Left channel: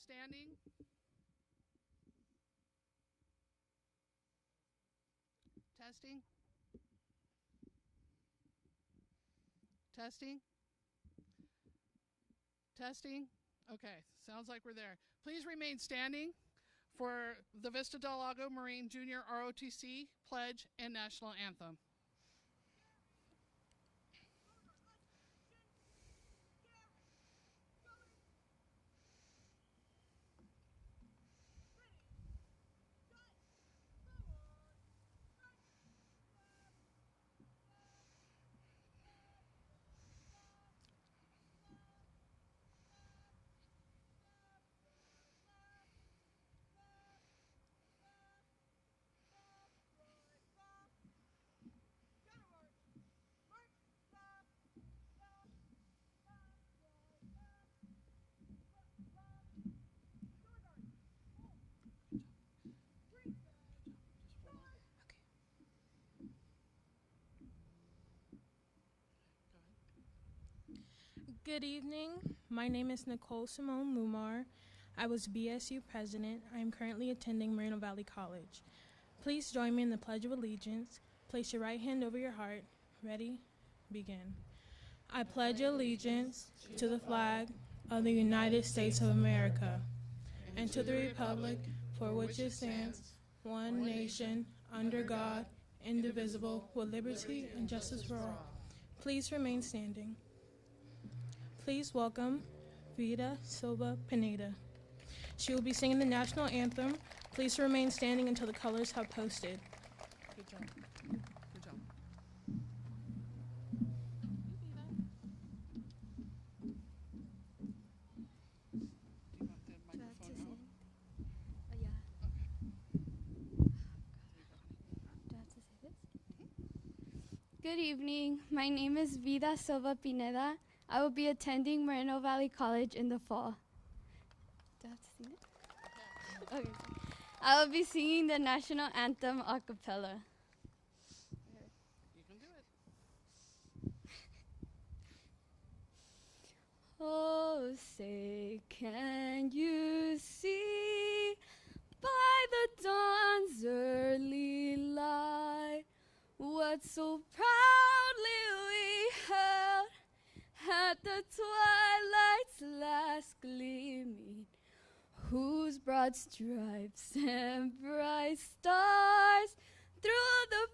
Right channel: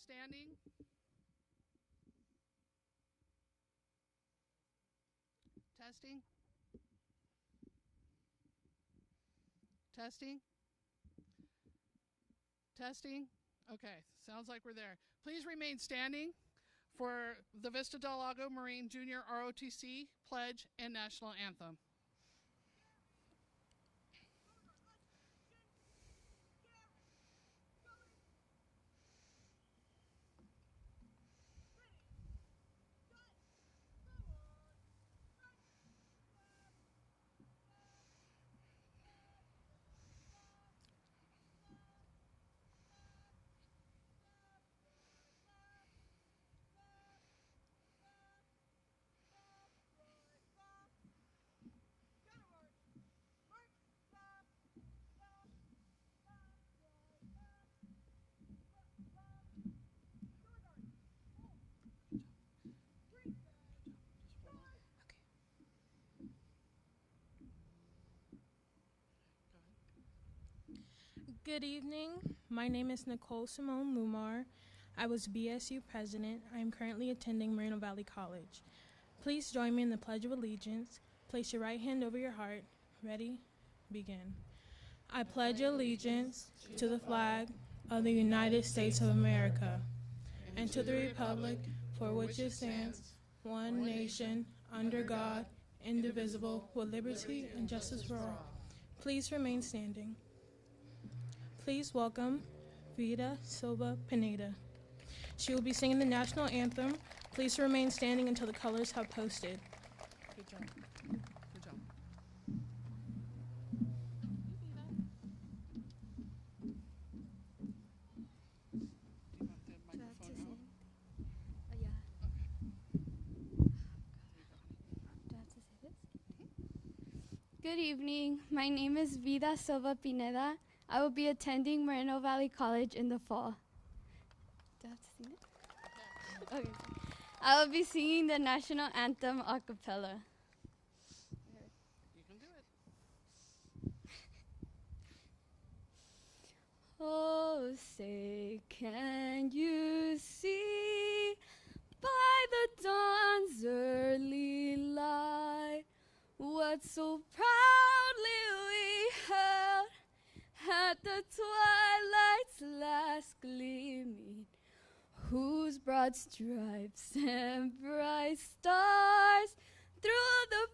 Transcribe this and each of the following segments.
standing. Testing. Testing. Testing. Okay, sounds like we're there. Please remain standing for the Vista Del Lago Marine Junior ROTC Pledge and National Anthem. Good evening. My name is Nicole Simone Lumar. I was BSU president. I am currently attending Moreno Valley College. Please join me in the Pledge of Allegiance. Place your right hand over your heart. Ready? Begin. I pledge allegiance to the flag of the United States of America and to the republic for which it stands, one nation, under God, indivisible, with liberty and justice for all. Please remain standing. Please welcome Vida Silva Pineda. She will be singing the national anthem. Please remain standing until the colors have posted. Good job. Good job. Good evening. My name is Vida Silva Pineda. I will be attending Moreno Valley College in the fall. Do I have to sing it? Okay. I will be singing the national anthem a cappella. You can do it. Oh, say, can you see by the dawn's early light what so proudly we held at the twilight's last gleaming, whose broad stripes and bright stars through the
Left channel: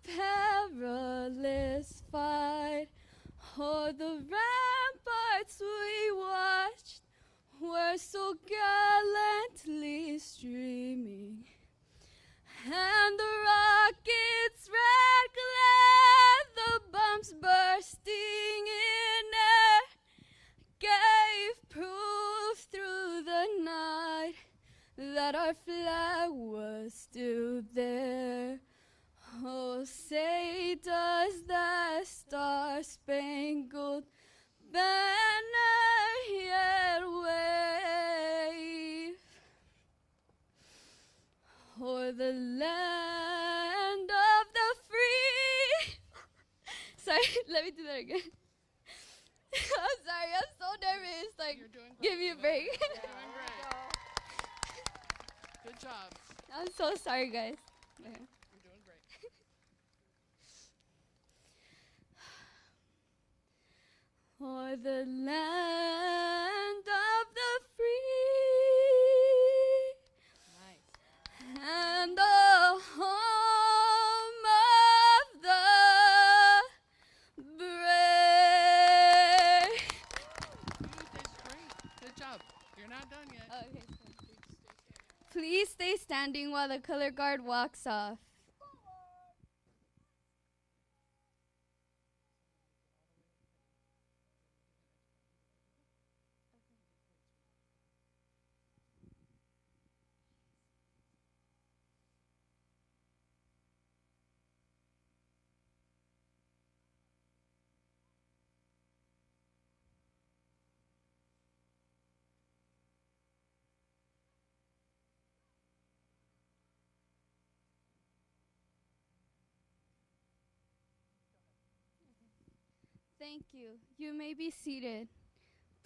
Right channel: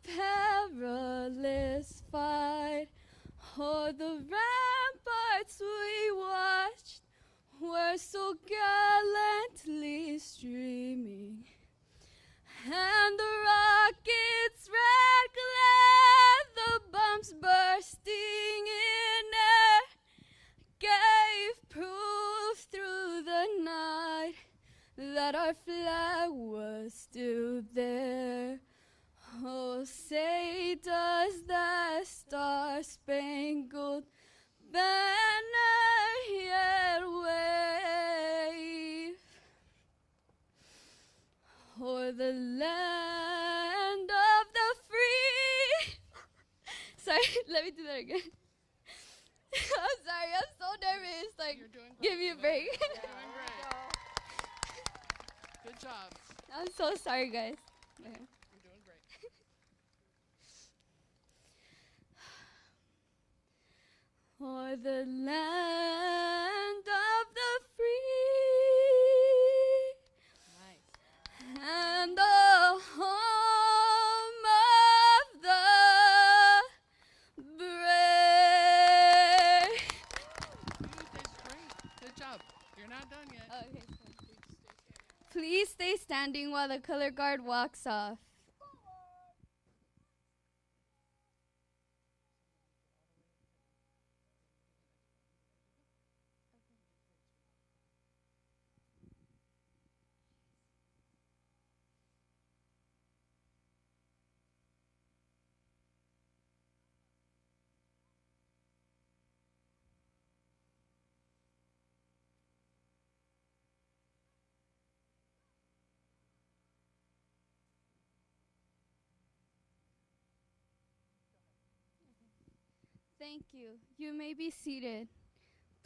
perilous fight o'er the ramparts we watched were so gallantly streaming, and the rocket's red glare, the bombs bursting in air, gave proof through the night that our flag was still there. Oh, say does that star-spangled banner yet wave o'er the land of the free? Sorry, let me do that again. I'm sorry, I'm so nervous. Like, give me a break. You're doing great. Good job. I'm so sorry, guys. Okay. You're doing great. For the land of the free, Nice. and the home of the brave. You did great. Good job. You're not done yet. Okay. Please stay standing while the color guard walks off. Thank you. You may be seated.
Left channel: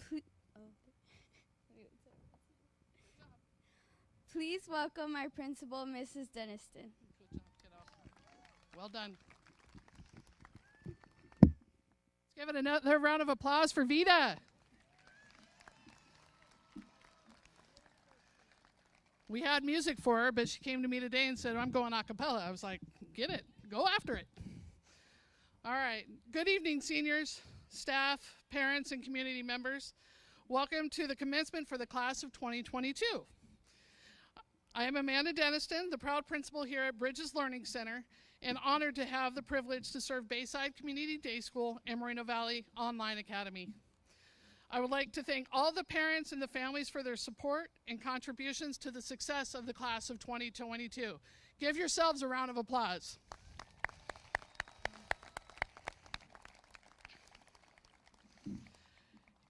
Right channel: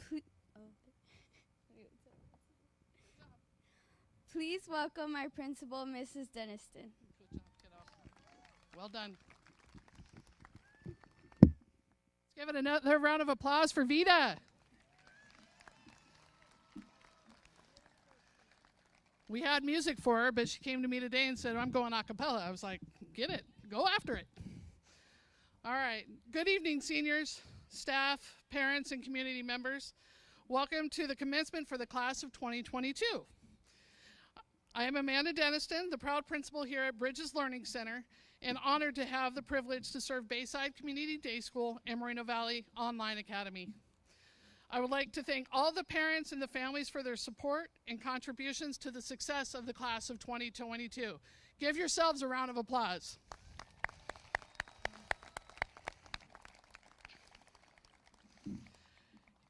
Please. Oh. Please welcome our principal, Mrs. Deniston. Well done. Let's give it another round of applause for Vida. We had music for her, but she came to me today and said, I'm going a cappella. I was like, get it. Go after it. All right. Good evening, seniors, staff, parents, and community members. Welcome to the commencement for the class of 2022. I am Amanda Deniston, the proud principal here at Bridges Learning Center, and honored to have the privilege to serve Bayside Community Day School and Moreno Valley Online Academy. I would like to thank all the parents and the families for their support and contributions to the success of the class of 2022. Give yourselves a round of applause.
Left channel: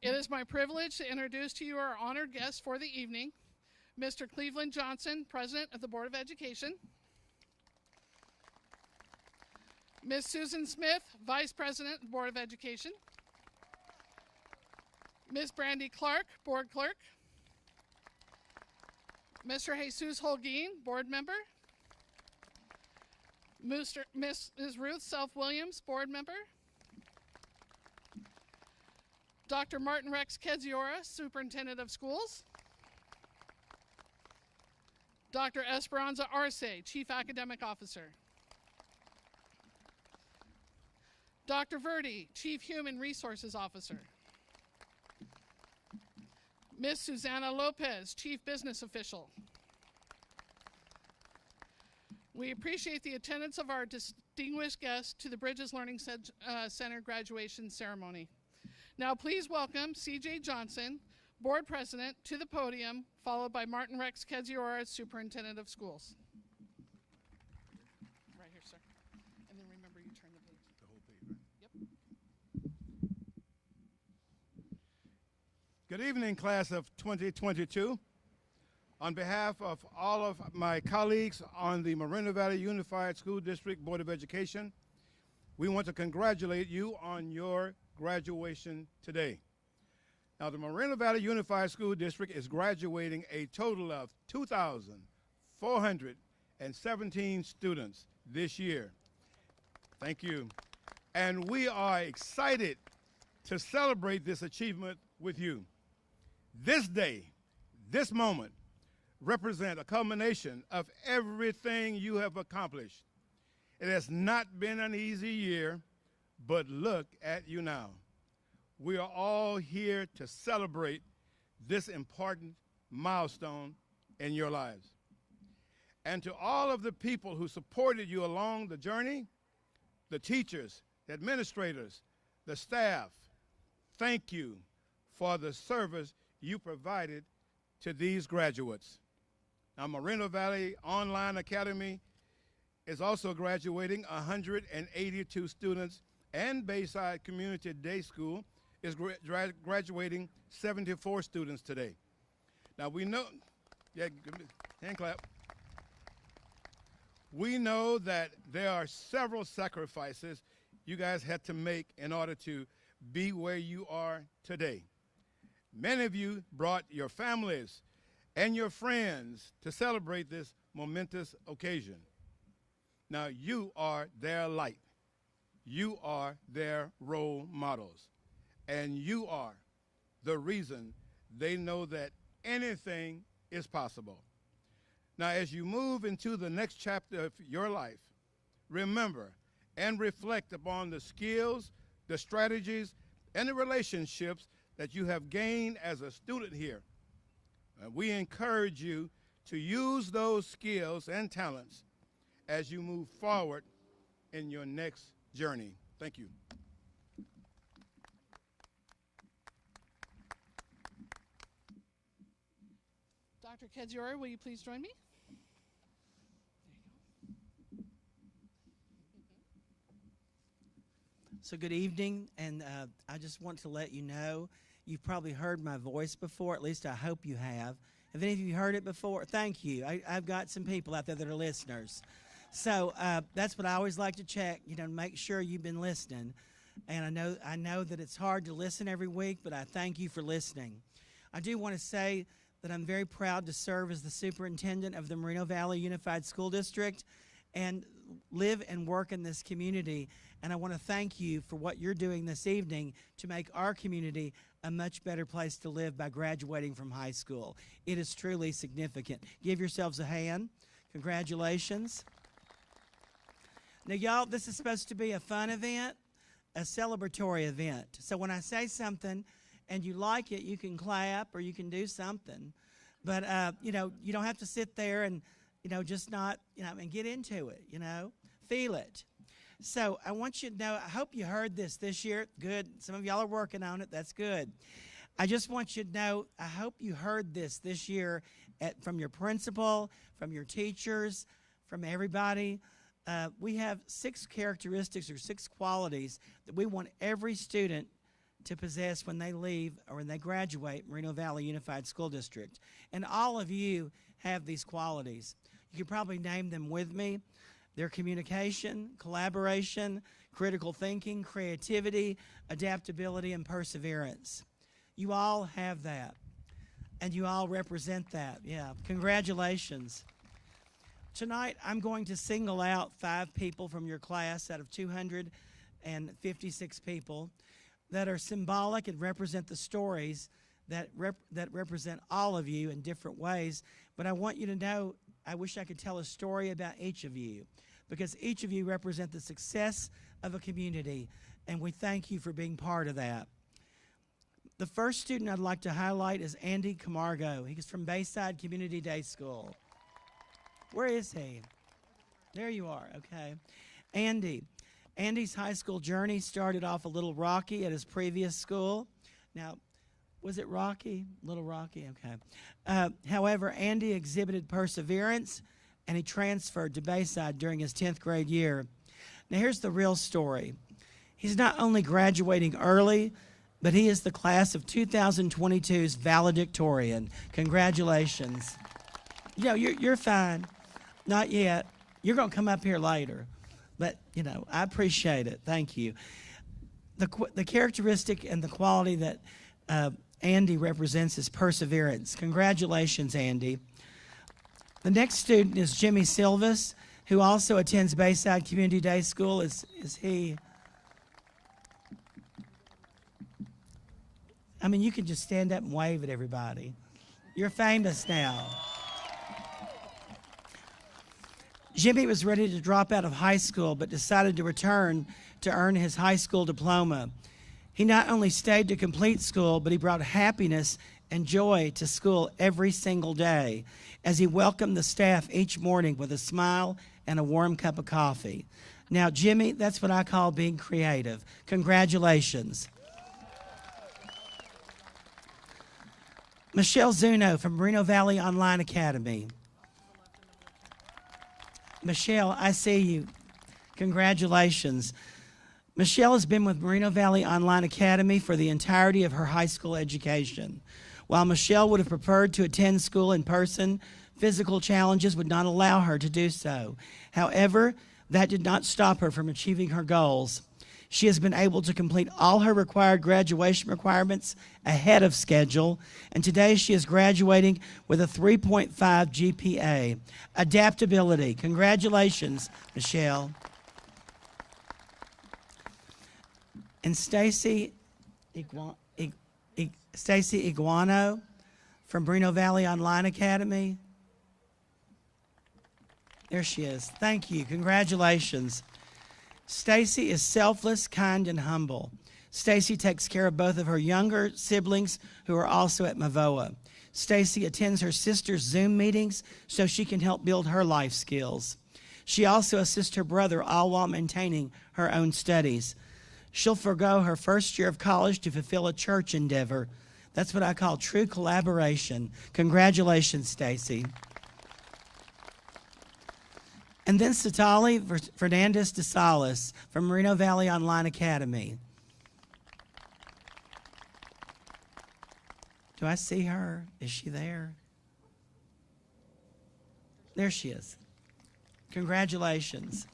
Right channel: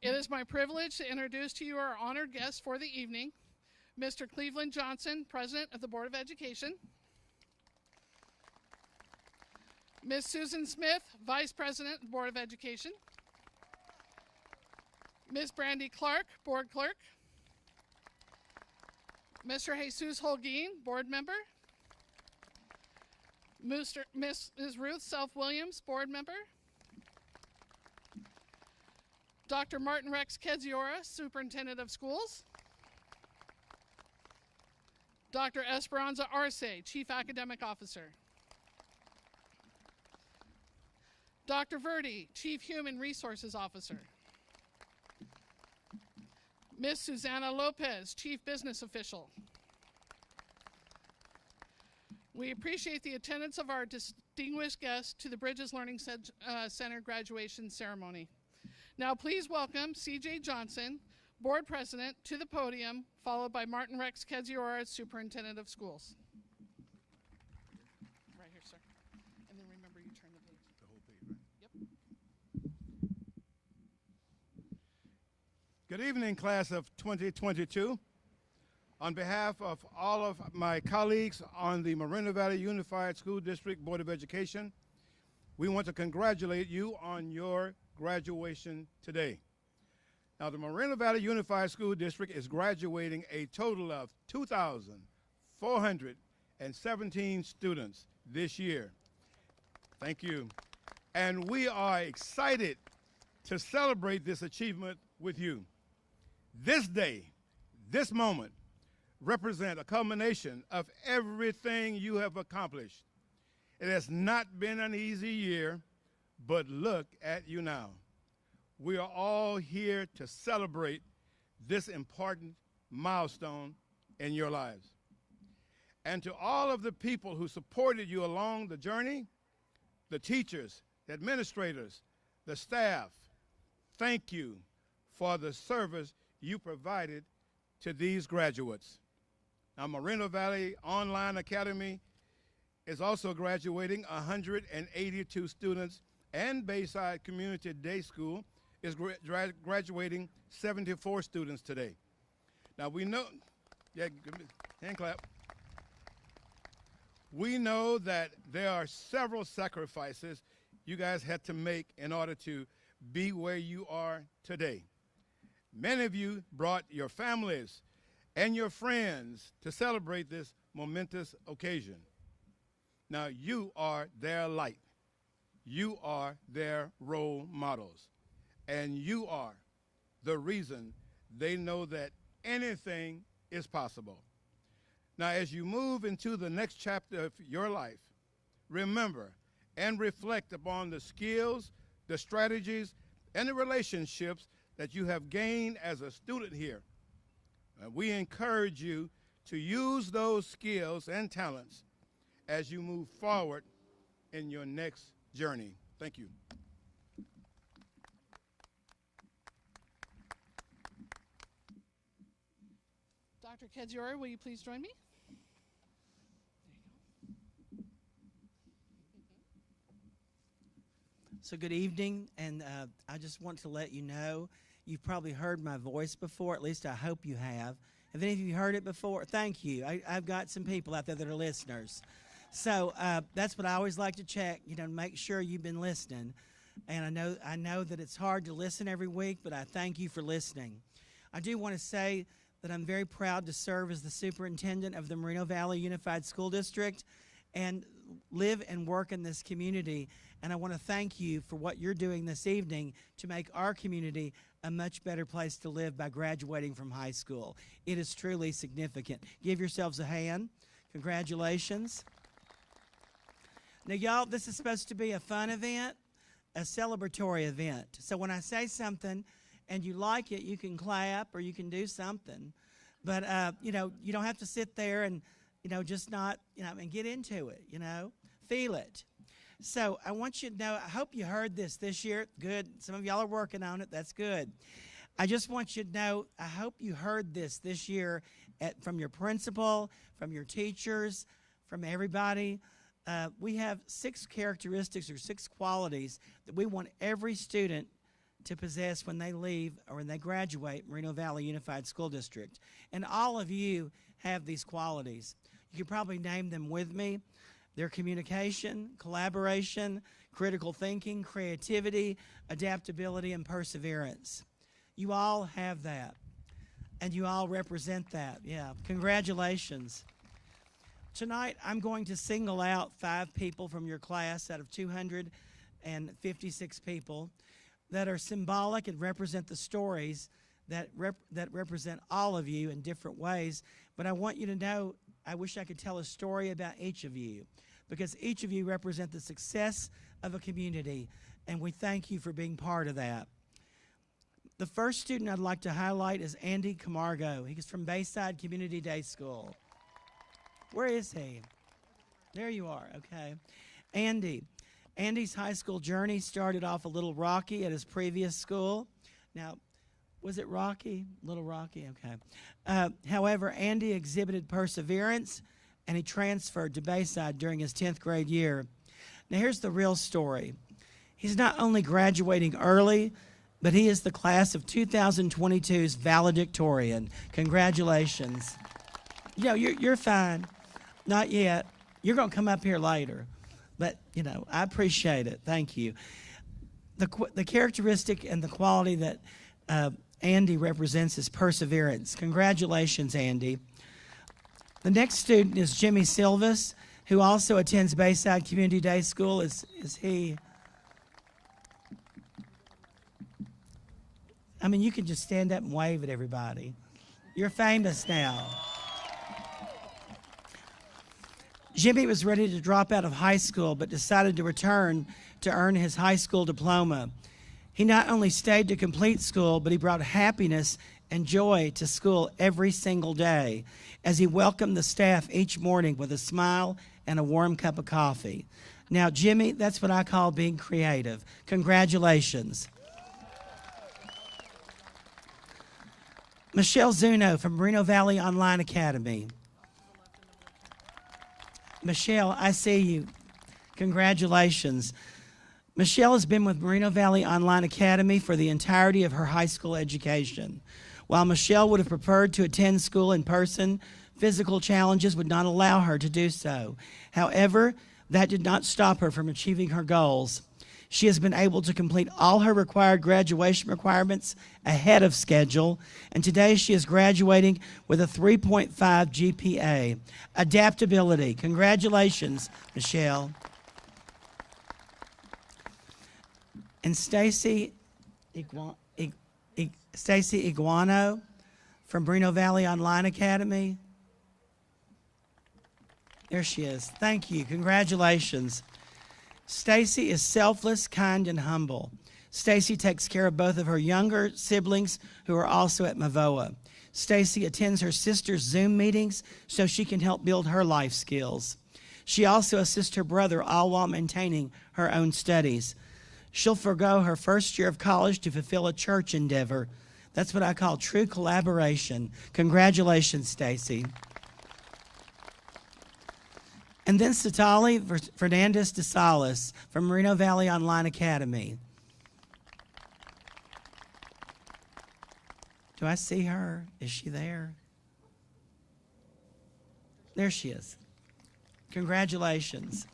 It is my privilege to introduce to you our honored guests for the evening, Mr. Cleveland Johnson, President of the Board of Education, Ms. Susan Smith, Vice President, Board of Education, Ms. Brandy Clark, Board Clerk, Mr. Jesus Holguin, Board Member, Mrs. Ruth Self-Williams, Board Member, Dr. Martin Rex Kedziora, Superintendent of Schools, Dr. Esperanza Arce, Chief Academic Officer, Dr. Verdi, Chief Human Resources Officer, Ms. Susanna Lopez, Chief Business Official. We appreciate the attendance of our distinguished guests to the Bridges Learning Center graduation ceremony. Now please welcome C.J. Johnson, Board President, to the podium, followed by Martin Rex Kedziora, Superintendent of Schools. Right here, sir. And then remember you turn the page. The whole page, right? Yep. Good evening, class of 2022. On behalf of all of my colleagues on the Moreno Valley Unified School District Board of Education, we want to congratulate you on your graduation today. Now, the Moreno Valley Unified School District is graduating a total of 2,417 students this year. Thank you. And we are excited to celebrate this achievement with you. This day, this moment, represent a culmination of everything you have accomplished. It has not been an easy year, but look at you now. We are all here to celebrate this important milestone in your lives. And to all of the people who supported you along the journey, the teachers, the administrators, the staff, thank you for the service you provided to these graduates. Now, Moreno Valley Online Academy is also graduating 182 students, and Bayside Community Day School is graduating 74 students today. Now we know, hand clap. We know that there are several sacrifices you guys had to make in order to be where you are today. Many of you brought your families and your friends to celebrate this momentous occasion. Now you are their light. You are their role models. And you are the reason they know that anything is possible. Now, as you move into the next chapter of your life, remember and reflect upon the skills, the strategies, and the relationships that you have gained as a student here. We encourage you to use those skills and talents as you move forward in your next journey. Thank you. Dr. Kedziora, will you please join me? So good evening, and I just want to let you know, you've probably heard my voice before, at least I hope you have. Have any of you heard it before? Thank you. I've got some people out there that are listeners. So that's what I always like to check, make sure you've been listening. And I know that it's hard to listen every week, but I thank you for listening. I do want to say that I'm very proud to serve as the superintendent of the Moreno Valley Unified School District and live and work in this community. And I want to thank you for what you're doing this evening to make our community a much better place to live by graduating from high school. It is truly significant. Give yourselves a hand. Congratulations. Now, y'all, this is supposed to be a fun event, a celebratory event. So when I say something and you like it, you can clap or you can do something. But, you don't have to sit there and, just not, and get into it, feel it. So I want you to know, I hope you heard this year. Good. Some of y'all are working on it. That's good. I just want you to know, I hope you heard this year from your principal, from your teachers, from everybody. We have 6 characteristics or 6 qualities that we want every student to possess when they leave or when they graduate Moreno Valley Unified School District. And all of you have these qualities. You could probably name them with me. They're communication, collaboration, critical thinking, creativity, adaptability, and perseverance. You all have that, and you all represent that. Yeah, congratulations. Tonight, I'm going to single out 5 people from your class out of 256 people that are symbolic and represent the stories that represent all of you in different ways. But I want you to know, I wish I could tell a story about each of you, because each of you represent the success of a community, and we thank you for being part of that. The first student I'd like to highlight is Andy Camargo. He's from Bayside Community Day School. Where is he? There you are, okay. Andy's high school journey started off a little rocky at his previous school. Now, was it rocky? A little rocky, okay. However, Andy exhibited perseverance, and he transferred to Bayside during his 10th grade year. Now, here's the real story. He's not only graduating early, but he is the class of 2022's valedictorian. Congratulations. You're fine. Not yet. You're going to come up here later. But, I appreciate it. Thank you. The characteristic and the quality that Andy represents is perseverance. Congratulations, Andy. The next student is Jimmy Silvas, who also attends Bayside Community Day School. Is he? You can just stand up and wave at everybody. You're famous now. Jimmy was ready to drop out of high school, but decided to return to earn his high school diploma. He not only stayed to complete school, but he brought happiness and joy to school every single day as he welcomed the staff each morning with a smile and a warm cup of coffee. Now, Jimmy, that's what I call being creative. Congratulations. Michelle Zuno from Moreno Valley Online Academy. Michelle, I see you. Congratulations. Michelle has been with Moreno Valley Online Academy for the entirety of her high school education. While Michelle would have preferred to attend school in person, physical challenges would not allow her to do so. However, that did not stop her from achieving her goals. She has been able to complete all her required graduation requirements ahead of schedule, and today she is graduating with a 3.5 GPA. Adaptability. Congratulations, Michelle. And Stacy Iguano from Moreno Valley Online Academy. There she is. Thank you. Congratulations. Stacy is selfless, kind, and humble. Stacy takes care of both of her younger siblings who are also at Mavoa. Stacy attends her sister's Zoom meetings so she can help build her life skills. She also assists her brother, all while maintaining her own studies. She'll forego her first year of college to fulfill a church endeavor. That's what I call true collaboration. Congratulations, Stacy. And then Satali Fernandez de Salas from Moreno Valley Online Academy. Do I see her? Is she there? There she is. Congratulations.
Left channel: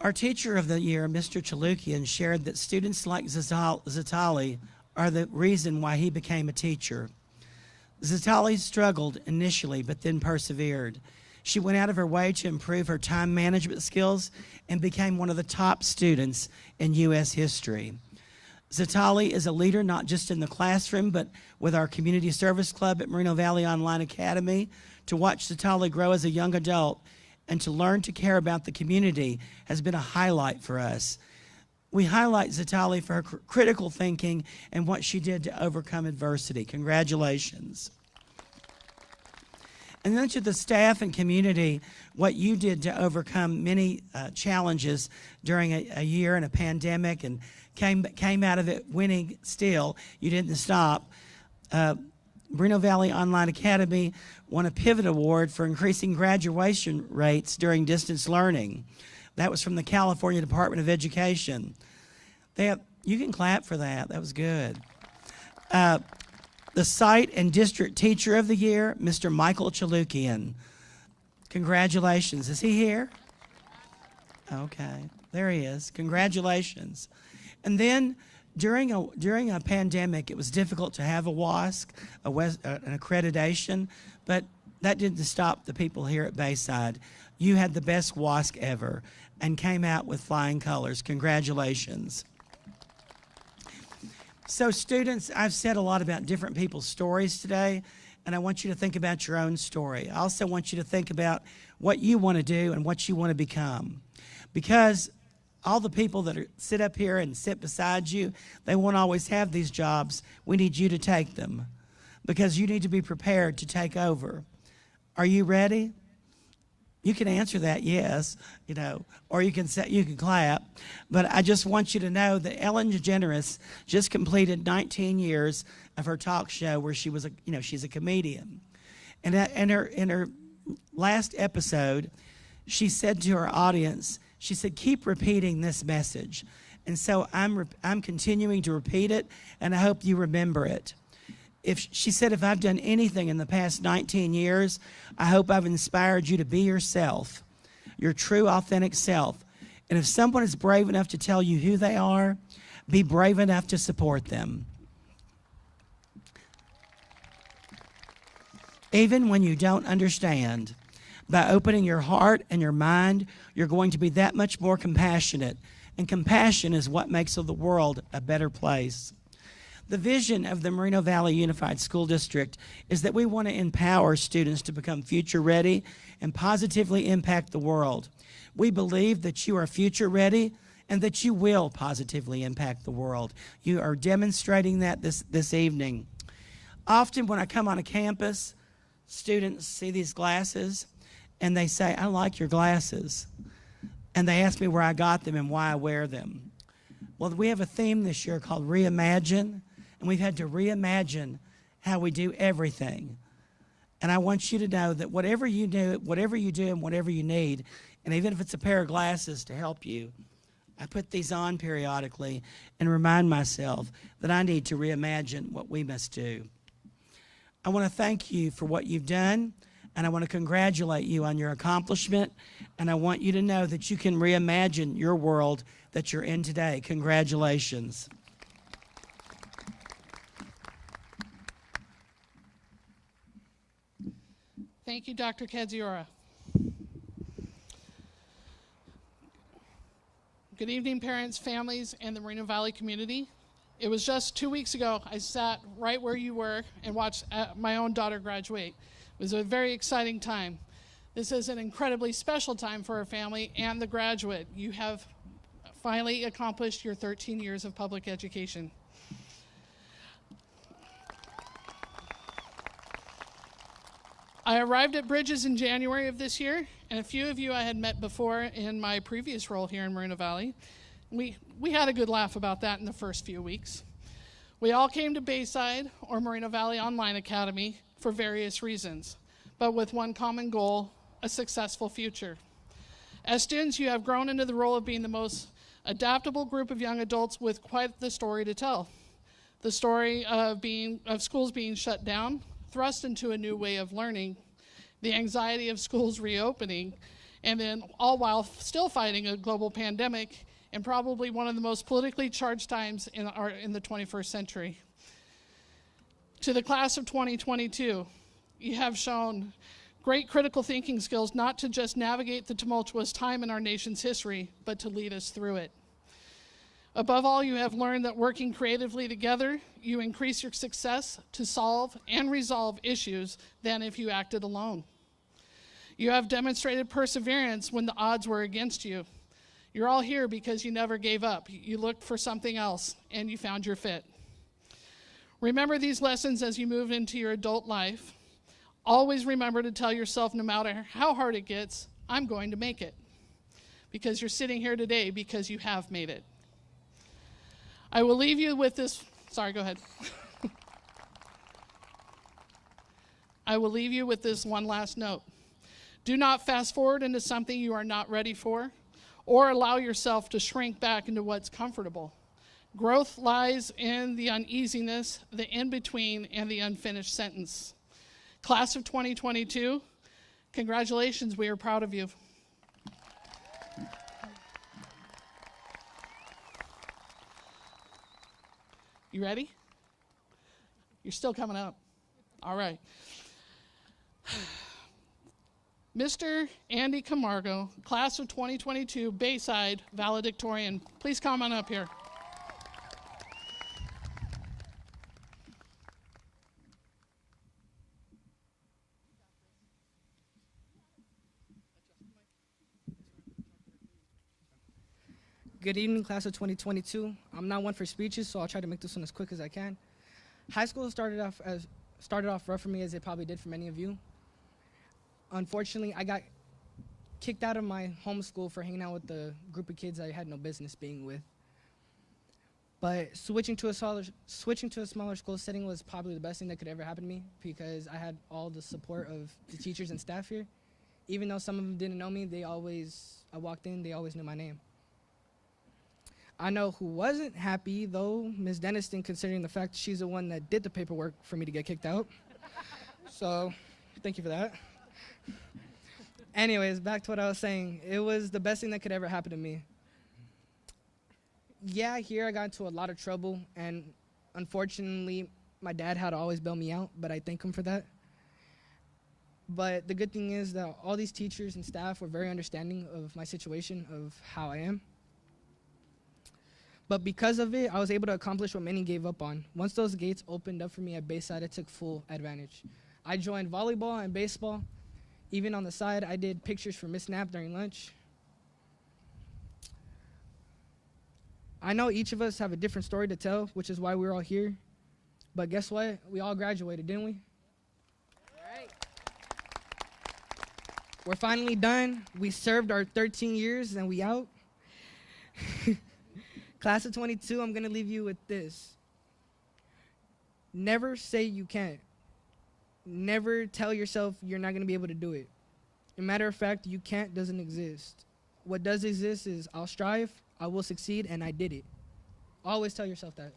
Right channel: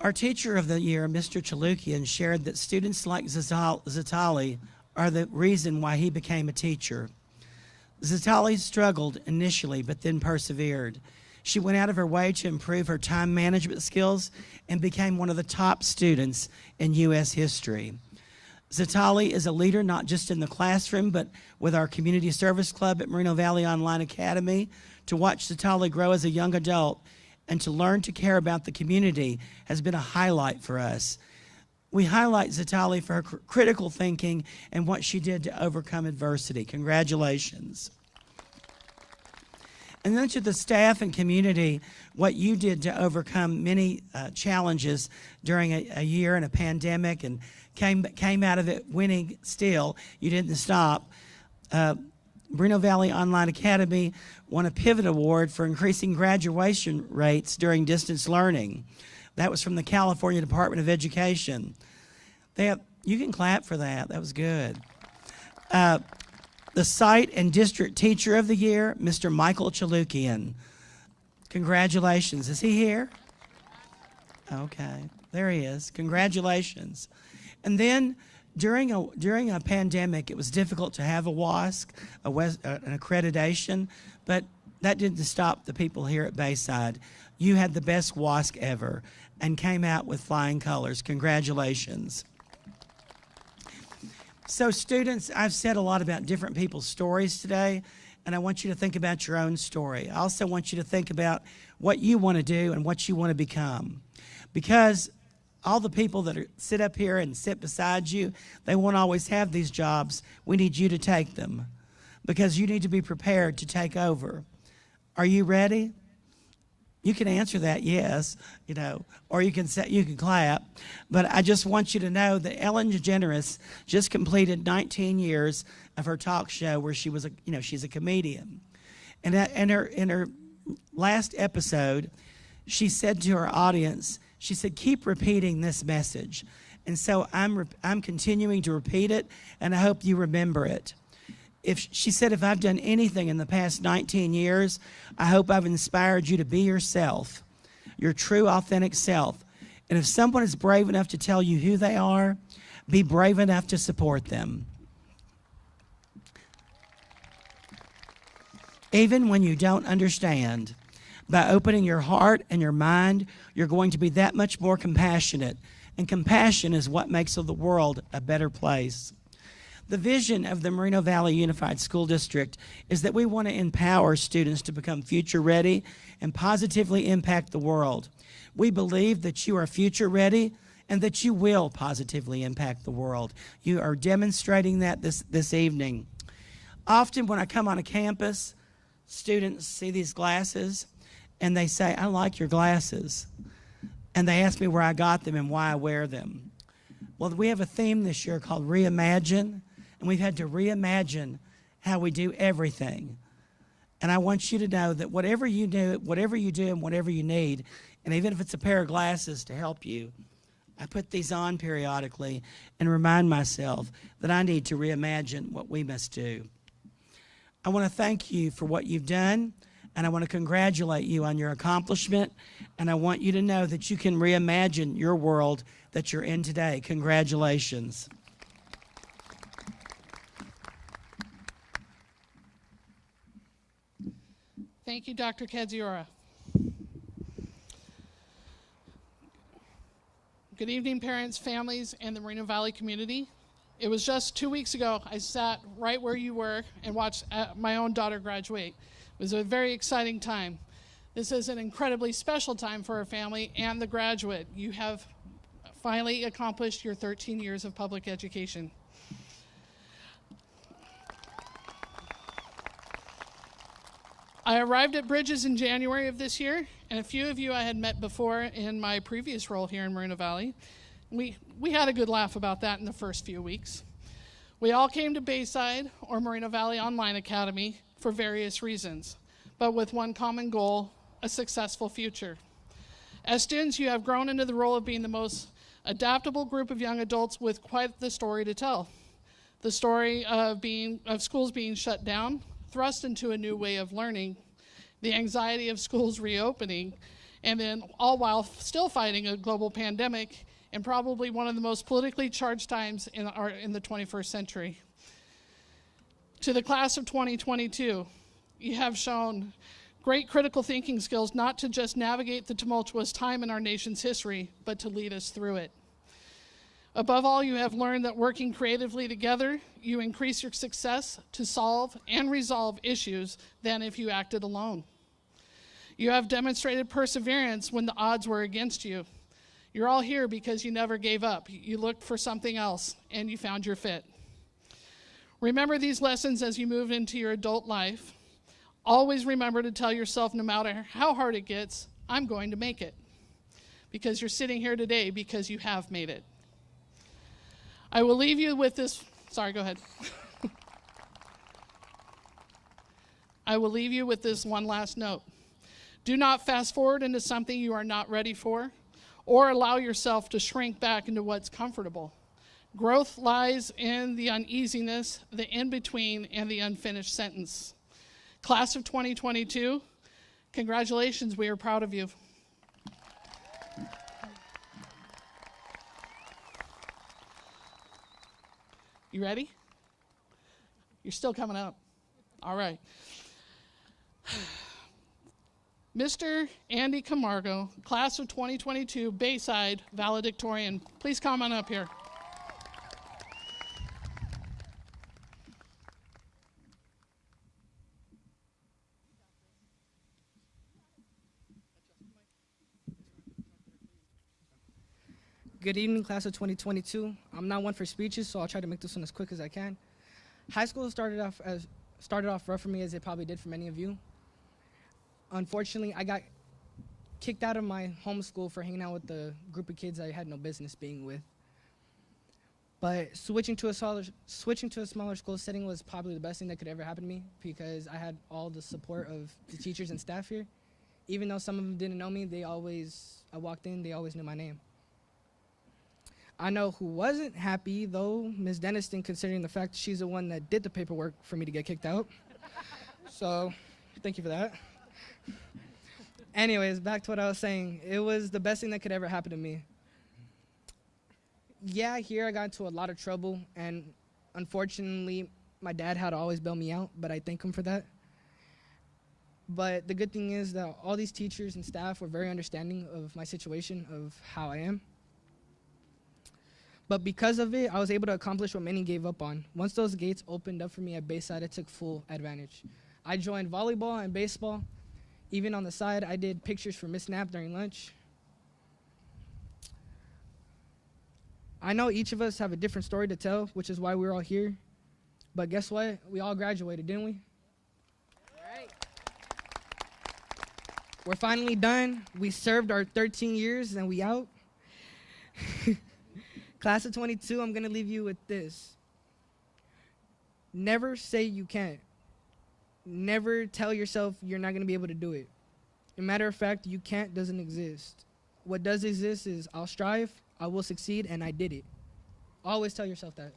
Our teacher of the year, Mr. Chalukian, shared that students like Zatali are the reason why he became a teacher. Zatali struggled initially, but then persevered. She went out of her way to improve her time management skills and became one of the top students in U.S. history. Zatali is a leader not just in the classroom, but with our community service club at Moreno Valley Online Academy. To watch Zatali grow as a young adult and to learn to care about the community has been a highlight for us. We highlight Zatali for her critical thinking and what she did to overcome adversity. Congratulations. And then to the staff and community, what you did to overcome many challenges during a year and a pandemic and came out of it winning still. You didn't stop. Moreno Valley Online Academy won a Pivot Award for increasing graduation rates during distance learning. That was from the California Department of Education. You can clap for that. That was good. The Site and District Teacher of the Year, Mr. Michael Chalukian. Congratulations. Is he here? Okay, there he is. Congratulations. And then during a pandemic, it was difficult to have a WASC, an accreditation, but that didn't stop the people here at Bayside. You had the best WASC ever and came out with flying colors. Congratulations. So students, I've said a lot about different people's stories today, and I want you to think about your own story. I also want you to think about what you want to do and what you want to become. Because all the people that sit up here and sit beside you, they won't always have these jobs. We need you to take them because you need to be prepared to take over. Are you ready? You can answer that yes, or you can clap. But I just want you to know that Ellen DeGeneres just completed 19 years of her talk show where she was she's a comedian. And in her last episode, she said to her audience, she said, keep repeating this message. And so I'm continuing to repeat it, and I hope you remember it. She said, if I've done anything in the past 19 years, I hope I've inspired you to be yourself, your true, authentic self. And if someone is brave enough to tell you who they are, be brave enough to support them. Even when you don't understand, by opening your heart and your mind, you're going to be that much more compassionate. And compassion is what makes of the world a better place. The vision of the Moreno Valley Unified School District is that we want to empower students to become future ready and positively impact the world. We believe that you are future ready and that you will positively impact the world. You are demonstrating that this evening. Often when I come on a campus, students see these glasses and they say, I like your glasses. And they ask me where I got them and why I wear them. Well, we have a theme this year called Reimagine, and we've had to reimagine how we do everything. And I want you to know that whatever you do and whatever you need, and even if it's a pair of glasses to help you, I put these on periodically and remind myself that I need to reimagine what we must do. I want to thank you for what you've done, and I want to congratulate you on your accomplishment, and I want you to know that you can reimagine your world that you're in today. Congratulations. Thank you, Dr. Kadziora. Good evening, parents, families, and the Moreno Valley community. It was just 2 weeks ago I sat right where you were and watched my own daughter graduate. It was a very exciting time. This is an incredibly special time for our family and the graduate. You have finally accomplished your 13 years of public education. I arrived at Bridges in January of this year, and a few of you I had met before in my previous role here in Moreno Valley. We had a good laugh about that in the first few weeks. We all came to Bayside or Moreno Valley Online Academy for various reasons, but with one common goal, a successful future. As students, you have grown into the role of being the most adaptable group of young adults with quite the story to tell. The story of schools being shut down, thrust into a new way of learning, the anxiety of schools reopening, and then all while still fighting a global pandemic and probably one of the most politically charged times in the 21st century. To the class of 2022, you have shown great critical thinking skills, not to just navigate the tumultuous time in our nation's history, but to lead us through it. Above all, you have learned that working creatively together, you increase your success to solve and resolve issues than if you acted alone. You have demonstrated perseverance when the odds were against you. You're all here because you never gave up. You looked for something else, and you found your fit. Remember these lessons as you move into your adult life. Always remember to tell yourself, no matter how hard it gets, I'm going to make it. Because you're sitting here today because you have made it. I will leave you with this. Sorry, go ahead. I will leave you with this one last note. Do not fast forward into something you are not ready for, or allow yourself to shrink back into what's comfortable. Growth lies in the uneasiness, the in-between, and the unfinished sentence. Class of 2022, congratulations, we are proud of you. You ready? You're still coming up. All right. Mr. Andy Camargo, class of 2022, Bayside valedictorian. Please come on up here. Good evening, class of 2022. I'm not one for speeches, so I'll try to make this one as quick as I can. High school started off rough for me, as it probably did for many of you. Unfortunately, I got kicked out of my home school for hanging out with a group of kids I had no business being with. But switching to a smaller school setting was probably the best thing that could ever happen to me, because I had all the support of the teachers and staff here. Even though some of them didn't know me, I walked in, they always knew my name. I know who wasn't happy, though, Ms. Denniston, considering the fact she's the one that did the paperwork for me to get kicked out. So, thank you for that. Anyways, back to what I was saying. It was the best thing that could ever happen to me. Yeah, here I got into a lot of trouble, and unfortunately, my dad had to always bail me out, but I thank him for that. But the good thing is that all these teachers and staff were very understanding of my situation, of how I am. But because of it, I was able to accomplish what many gave up on. Once those gates opened up for me at Bayside, I took full advantage. I joined volleyball and baseball. Even on the side, I did pictures for Miss Knapp during lunch. I know each of us have a different story to tell, which is why we're all here. But guess what? We all graduated, didn't we? Right. We're finally done. We served our 13 years and we out. Class of 22, I'm going to leave you with this. Never say you can't. Never tell yourself you're not going to be able to do it. As a matter of fact, you can't doesn't exist. What does exist is I'll strive, I will succeed, and I did it. Always tell yourself that.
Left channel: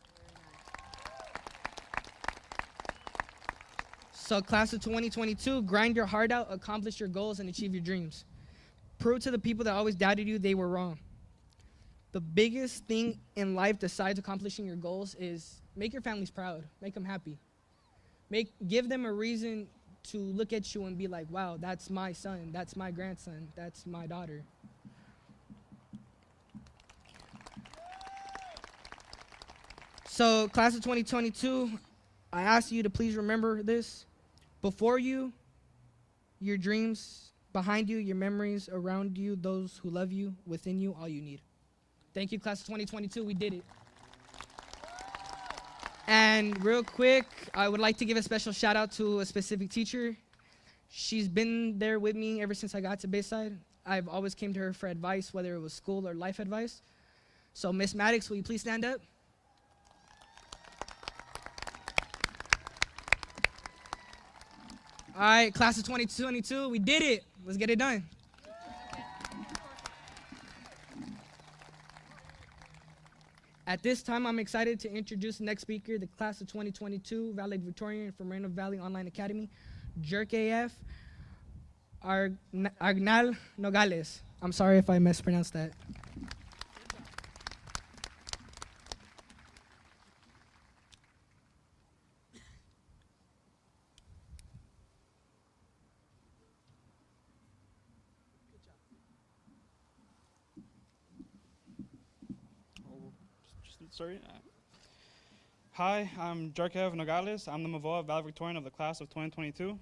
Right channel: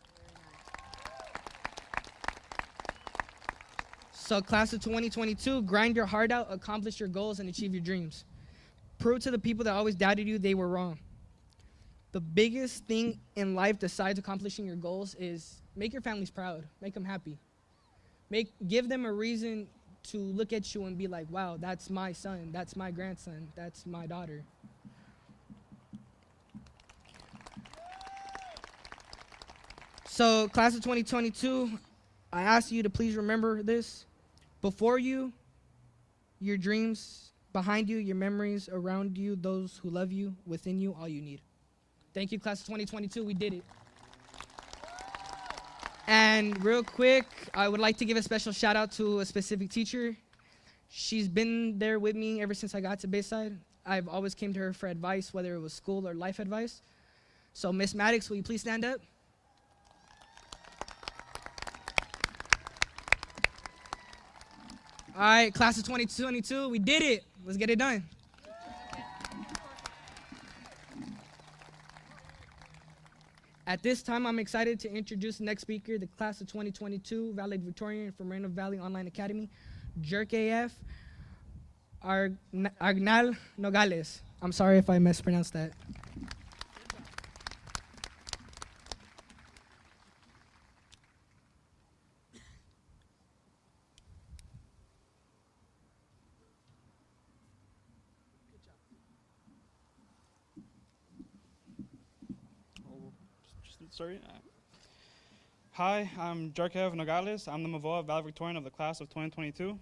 So class of 2022, grind your heart out, accomplish your goals, and achieve your dreams. Prove to the people that always doubted you they were wrong. The biggest thing in life besides accomplishing your goals is make your families proud. Make them happy. Give them a reason to look at you and be like, wow, that's my son, that's my grandson, that's my daughter. So, class of 2022, I ask you to please remember this. Before you, your dreams, behind you, your memories, around you, those who love you, within you, all you need. Thank you, class of 2022. We did it. And real quick, I would like to give a special shout out to a specific teacher. She's been there with me ever since I got to Bayside. I've always came to her for advice, whether it was school or life advice. So Miss Maddox, will you please stand up? All right, class of 2022, we did it. Let's get it done. At this time, I'm excited to introduce the next speaker, the class of 2022 valedictorian from Moreno Valley Online Academy, Jerk AF, Arnal Nogales. I'm sorry if I mispronounced that. Sorry. Hi, I'm Jarkev Nogales. I'm the Mavoa valedictorian of the class of 2022.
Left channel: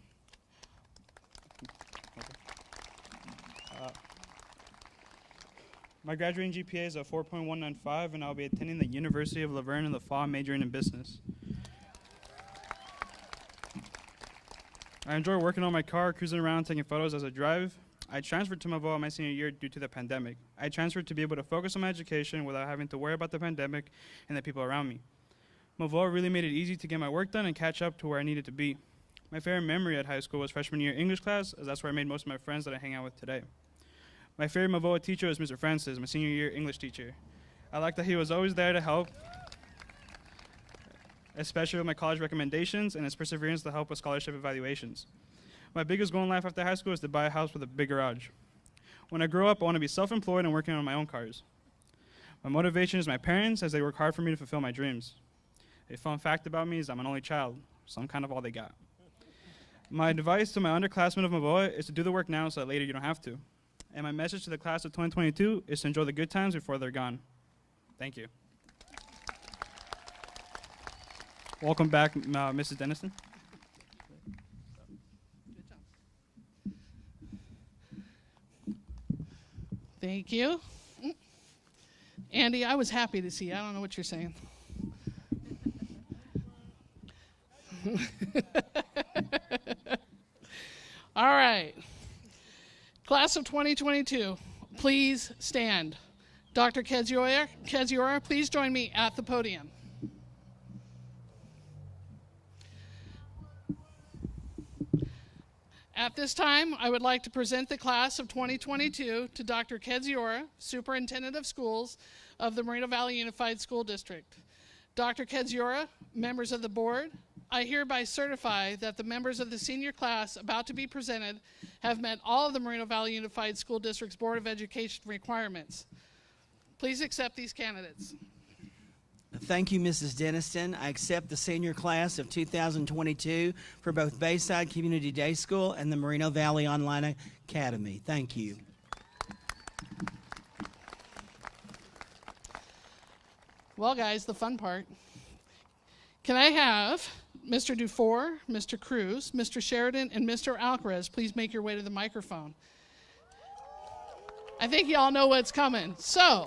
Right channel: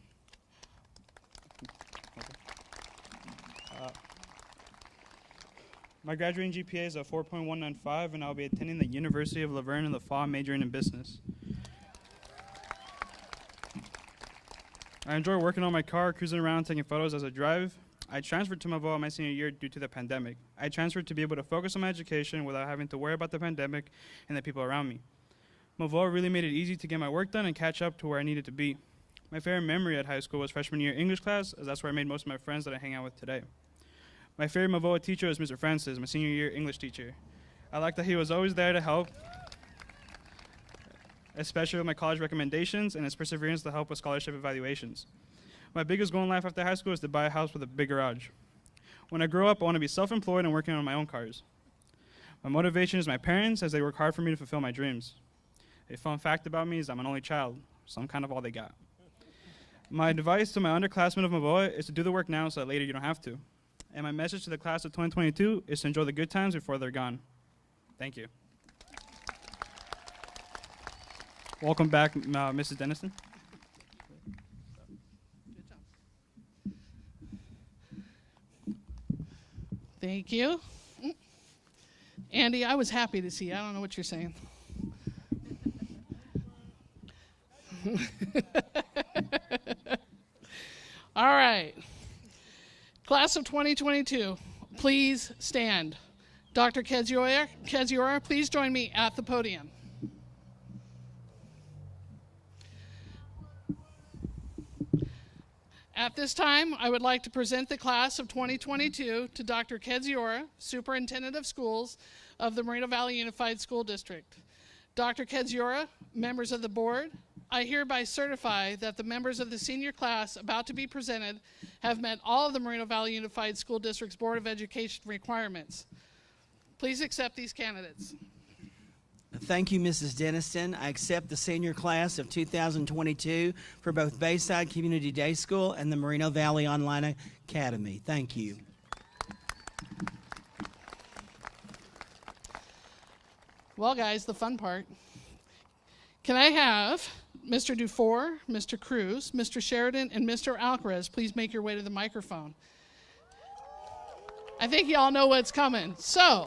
My graduating GPA is a 4.195, and I'll be attending the University of Laverne in the fall, majoring in business. I enjoy working on my car, cruising around, taking photos as I drive. I transferred to Mavoa my senior year due to the pandemic. I transferred to be able to focus on my education without having to worry about the pandemic and the people around me. Mavoa really made it easy to get my work done and catch up to where I needed to be. My favorite memory at high school was freshman year English class, as that's where I made most of my friends that I hang out with today. My favorite Mavoa teacher was Mr. Francis, my senior year English teacher. I liked that he was always there to help, especially with my college recommendations and his perseverance to help with scholarship evaluations. My biggest goal in life after high school is to buy a house with a big garage. When I grow up, I want to be self-employed and working on my own cars. My motivation is my parents, as they work hard for me to fulfill my dreams. A fun fact about me is I'm an only child, so I'm kind of all they got. My advice to my underclassmen of Mavoa is to do the work now so that later you don't have to. And my message to the class of 2022 is to enjoy the good times before they're gone. Thank you. Welcome back, Mrs. Dennison. Thank you. Andy, I was happy to see you. I don't know what you're saying. All right. Class of 2022, please stand. Dr. Keziora, please join me at the podium. At this time, I would like to present the class of 2022 to Dr. Keziora, Superintendent of Schools of the Moreno Valley Unified School District. Dr. Keziora, members of the board, I hereby certify that the members of the senior class about to be presented have met all of the Moreno Valley Unified School District's Board of Education requirements. Please accept these candidates. Thank you, Mrs. Denniston. I accept the senior class of 2022 for both Bayside Community Day School and the Moreno Valley Online Academy. Thank you. Well, guys, the fun part. Can I have Mr. Dufour, Mr. Cruz, Mr. Sheridan, and Mr. Alcaraz please make your way to the microphone? I think you all know what's coming. So,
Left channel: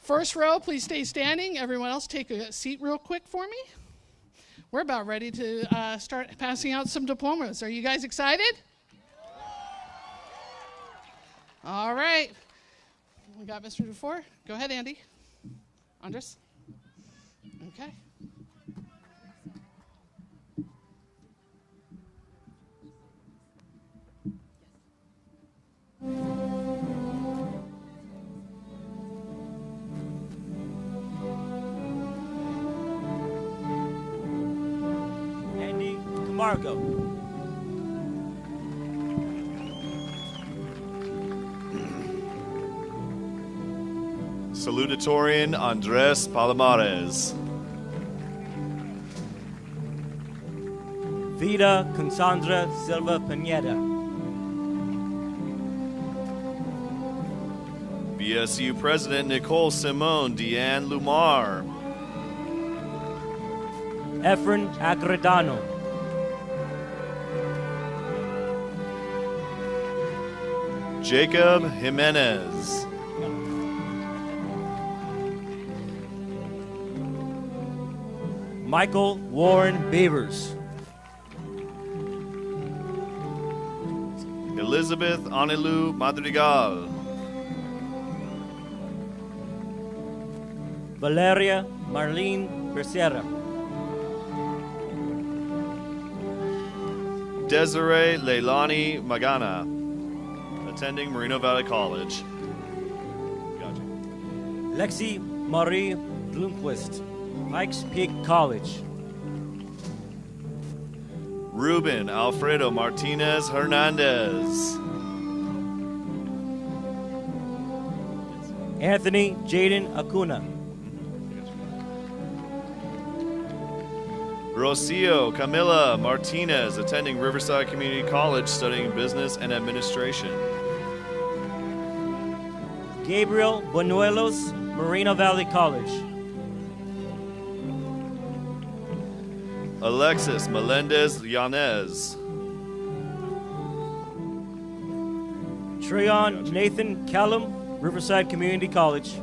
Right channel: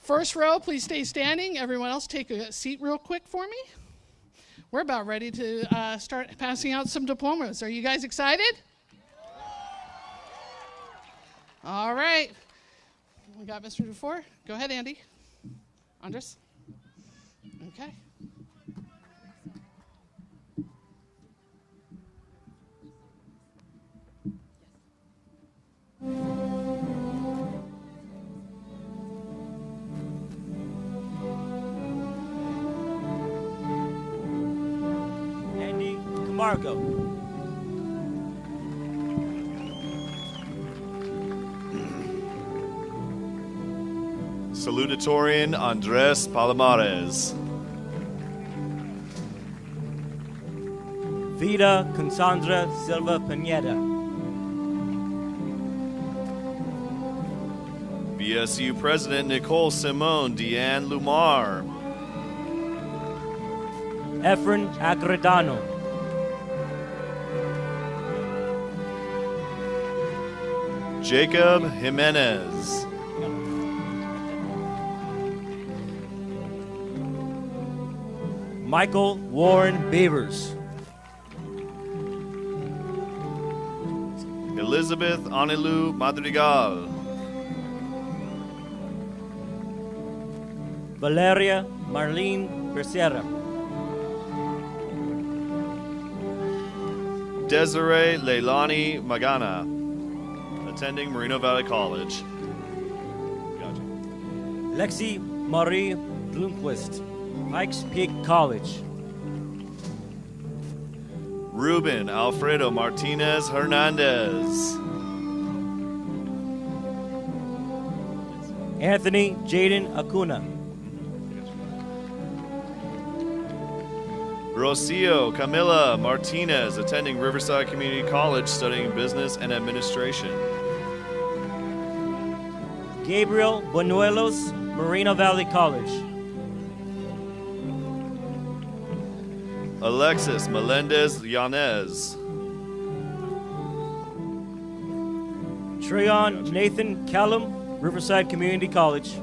first row, please stay standing. Everyone else take a seat real quick for me. We're about ready to start passing out some diplomas. Are you guys excited? All right. We got Mr. Dufour. Go ahead, Andy. Andres. Okay. Andy Camargo. Salutatorian Andres Palomares. Vida Cassandra Silva Pineda. BSU President Nicole Simone Deanne Lumar. Efren Acredano. Jacob Jimenez. Michael Warren Beavers. Elizabeth Anilu Madrigal. Valeria Marlene Becerra. Desiree Leilani Magana, attending Moreno Valley College. Gotcha. Lexi Marie Bloomquist, Pikes Peak College. Ruben Alfredo Martinez Hernandez. Anthony Jaden Acuna. Rocio Camila Martinez, attending Riverside Community College, studying business and administration. Gabriel Buñuelos, Moreno Valley College. Alexis Melendez Yanez. Treyon Nathan Callum, Riverside Community College.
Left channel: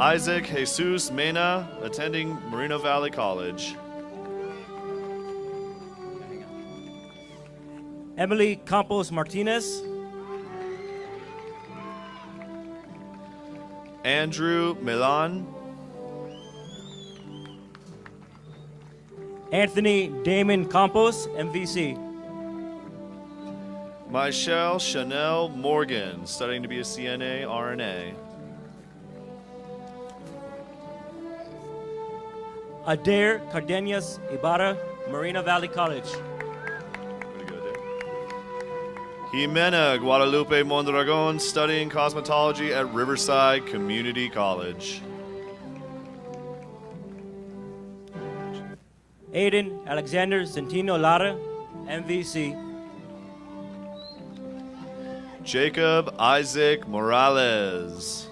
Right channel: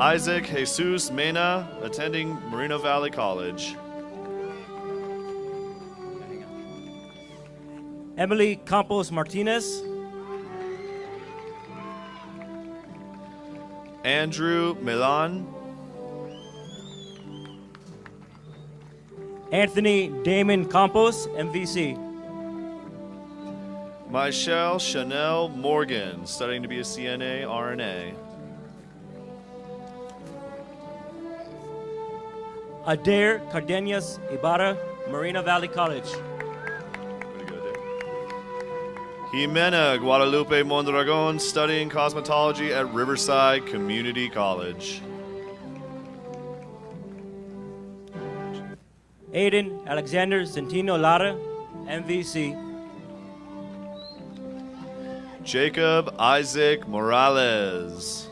Isaac Jesus Mena, attending Moreno Valley College. Emily Campos Martinez. Andrew Milan. Anthony Damon Campos, MVC. Michelle Chanel Morgan, studying to be a CNA RNA. Adair Cardenas Ibarra, Moreno Valley College. Jimena Guadalupe Mondragon, studying cosmetology at Riverside Community College. Aiden Alexander Centino Lara, MVC. Jacob Isaac Morales.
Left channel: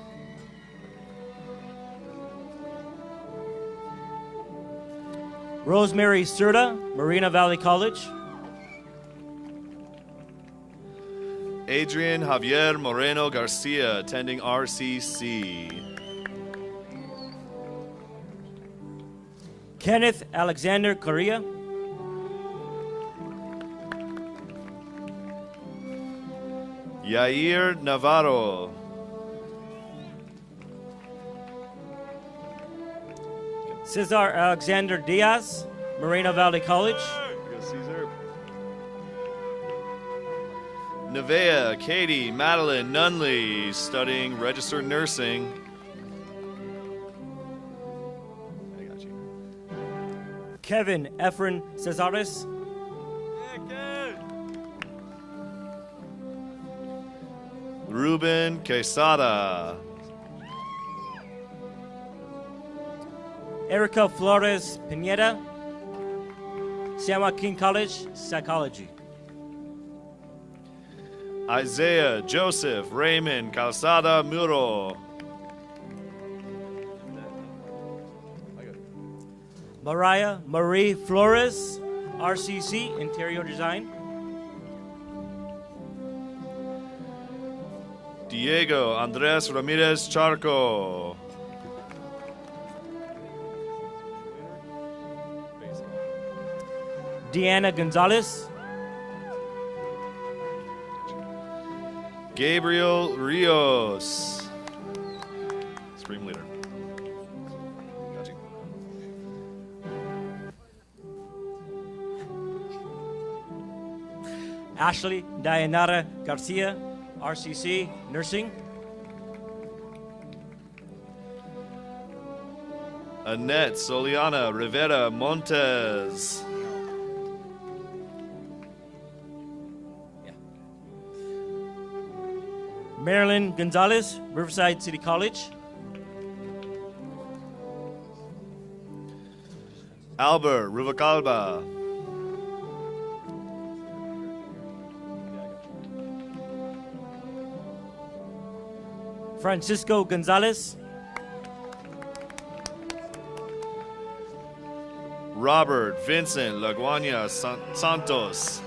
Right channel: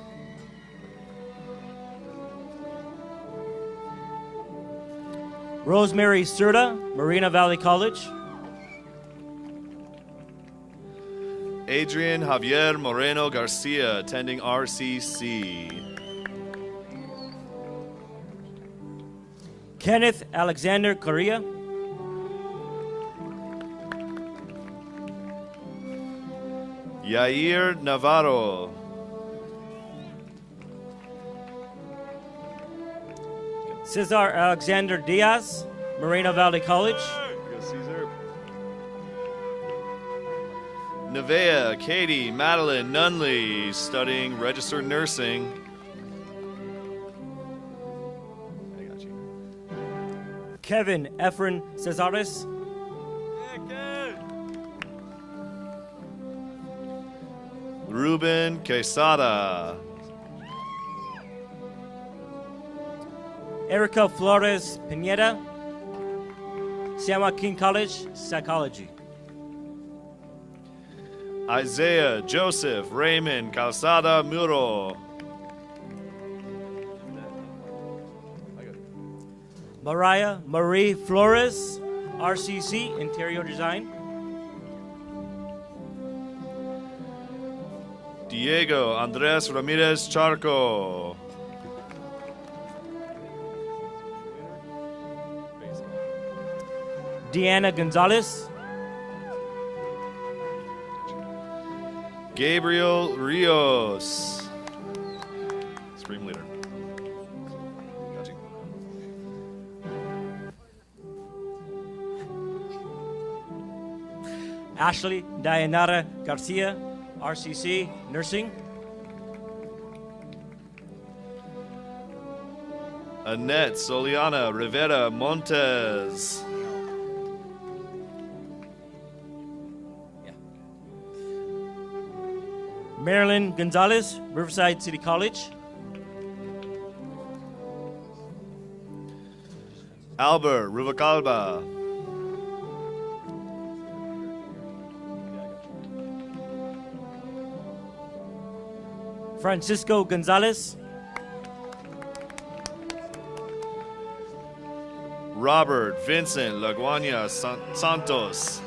Rosemary Serta, Moreno Valley College. Adrian Javier Moreno Garcia, attending RCC. Kenneth Alexander Correa. Yair Navarro. Cesar Alexander Diaz, Moreno Valley College. Nevea Katie Madeline Nunley, studying registered nursing. Kevin Efren Cesares. Ruben Quesada. Erica Flores Pineda, San Joaquin College, Psychology. Isaiah Joseph Raymond Calzada Muro. Mariah Marie Flores, RCC, Interior Design. Diego Andres Ramirez Charco. Deanna Gonzalez. Gabriel Rios. Spring leader. Gotcha. Ashley Dayanara Garcia, RCC, Nursing. Annette Soliana Rivera Montes. Marilyn Gonzalez, Riverside City College. Albert Ruvacalba. Francisco Gonzalez. Robert Vincent Laguana Santos.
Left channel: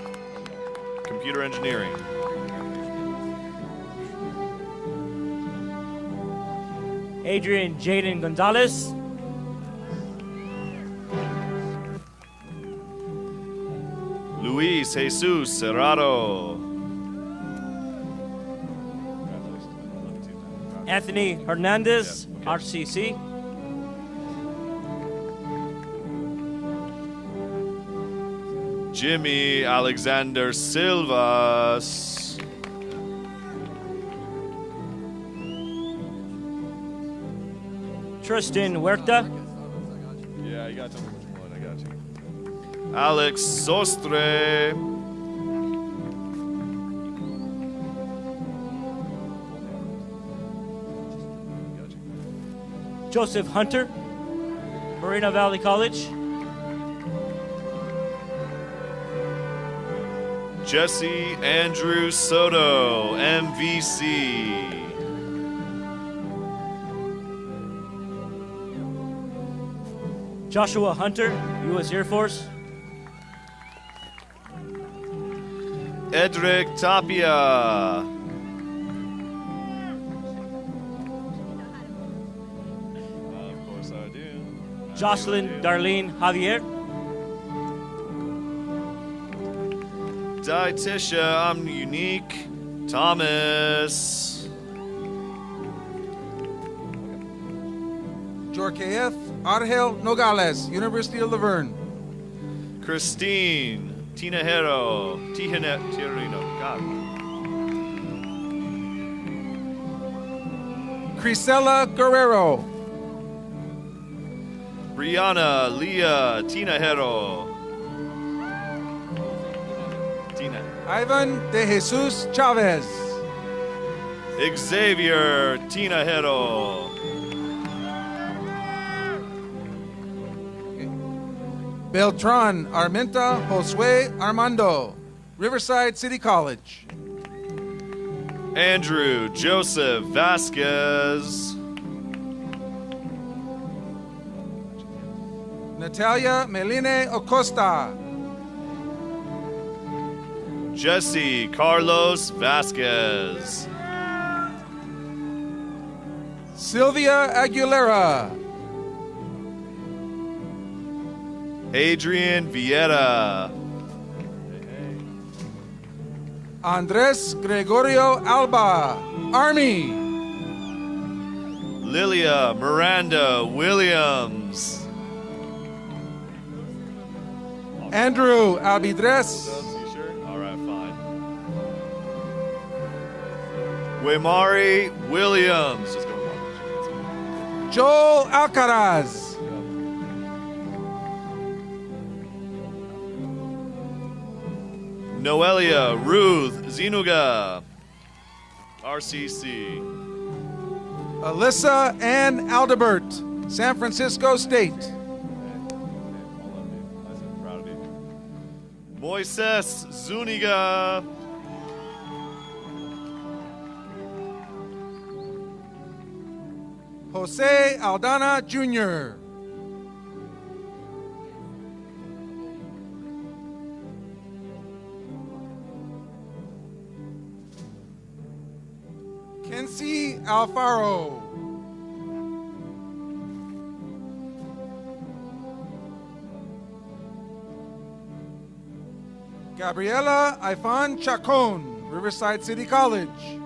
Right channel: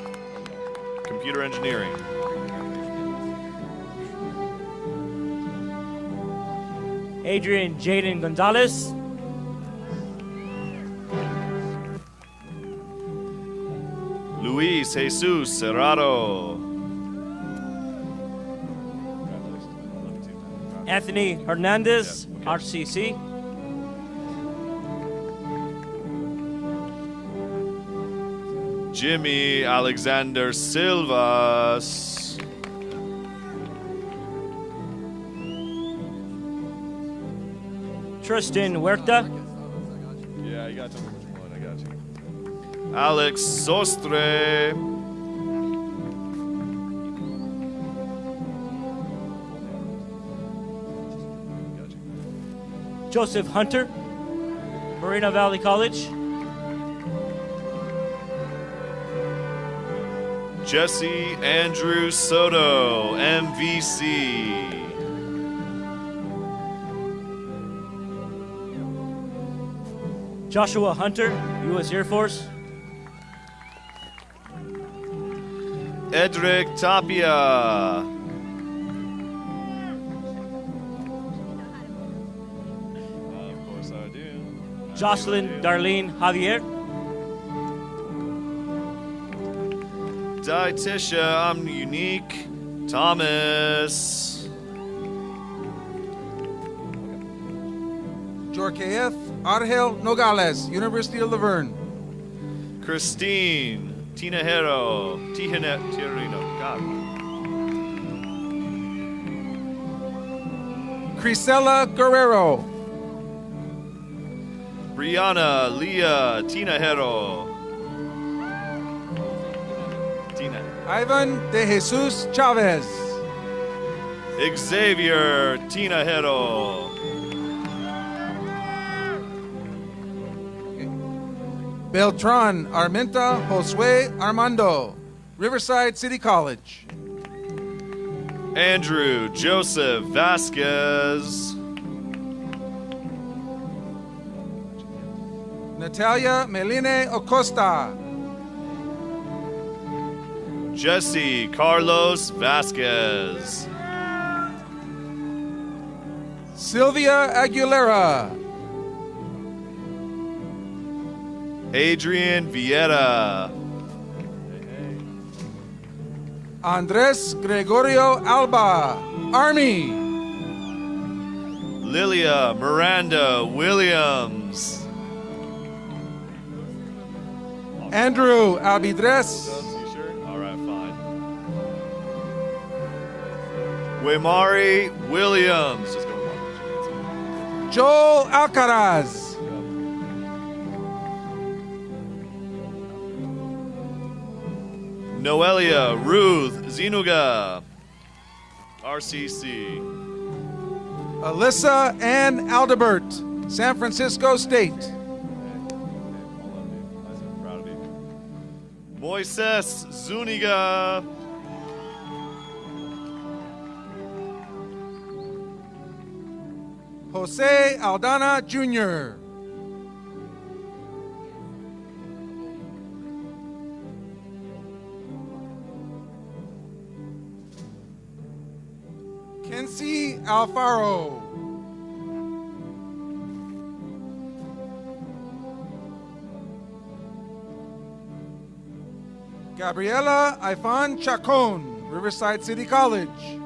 Computer engineering. Adrian Jaden Gonzalez. Luis Jesus Serrano. Anthony Hernandez, RCC. Jimmy Alexander Silvas. Tristan Huerta. Yeah, I got you. I got you. Alex Sostre. Joseph Hunter, Moreno Valley College. Jesse Andrew Soto, MVC. Joshua Hunter, U.S. Air Force. Edric Tapia. Of course I do. Jocelyn Darlene Javier. Dietitia, I'm unique. Thomas. Jorkeef Argel Nogales, University of Laverne. Christine Tinajero. Tirino. God. Crisela Guerrero. Brianna Leah Tinajero. Ivan de Jesus Chavez. Xavier Tinajero. Beltran Armenta Josue Armando, Riverside City College. Andrew Joseph Vasquez. Natalia Meline Acosta. Jesse Carlos Vasquez. Sylvia Aguilera. Adrian Vieira. Andres Gregorio Alba, Army. Lilia Miranda Williams. Andrew Abidres. All right, fine. Wemari Williams. Just go wrong. Joel Alcaraz. Noelia Ruth Zinuga. RCC. Alyssa Ann Aldebert, San Francisco State. Moises Zuniga. Jose Aldana Jr. Kenzie Alfaro. Gabriela Ifan Chacon, Riverside City College.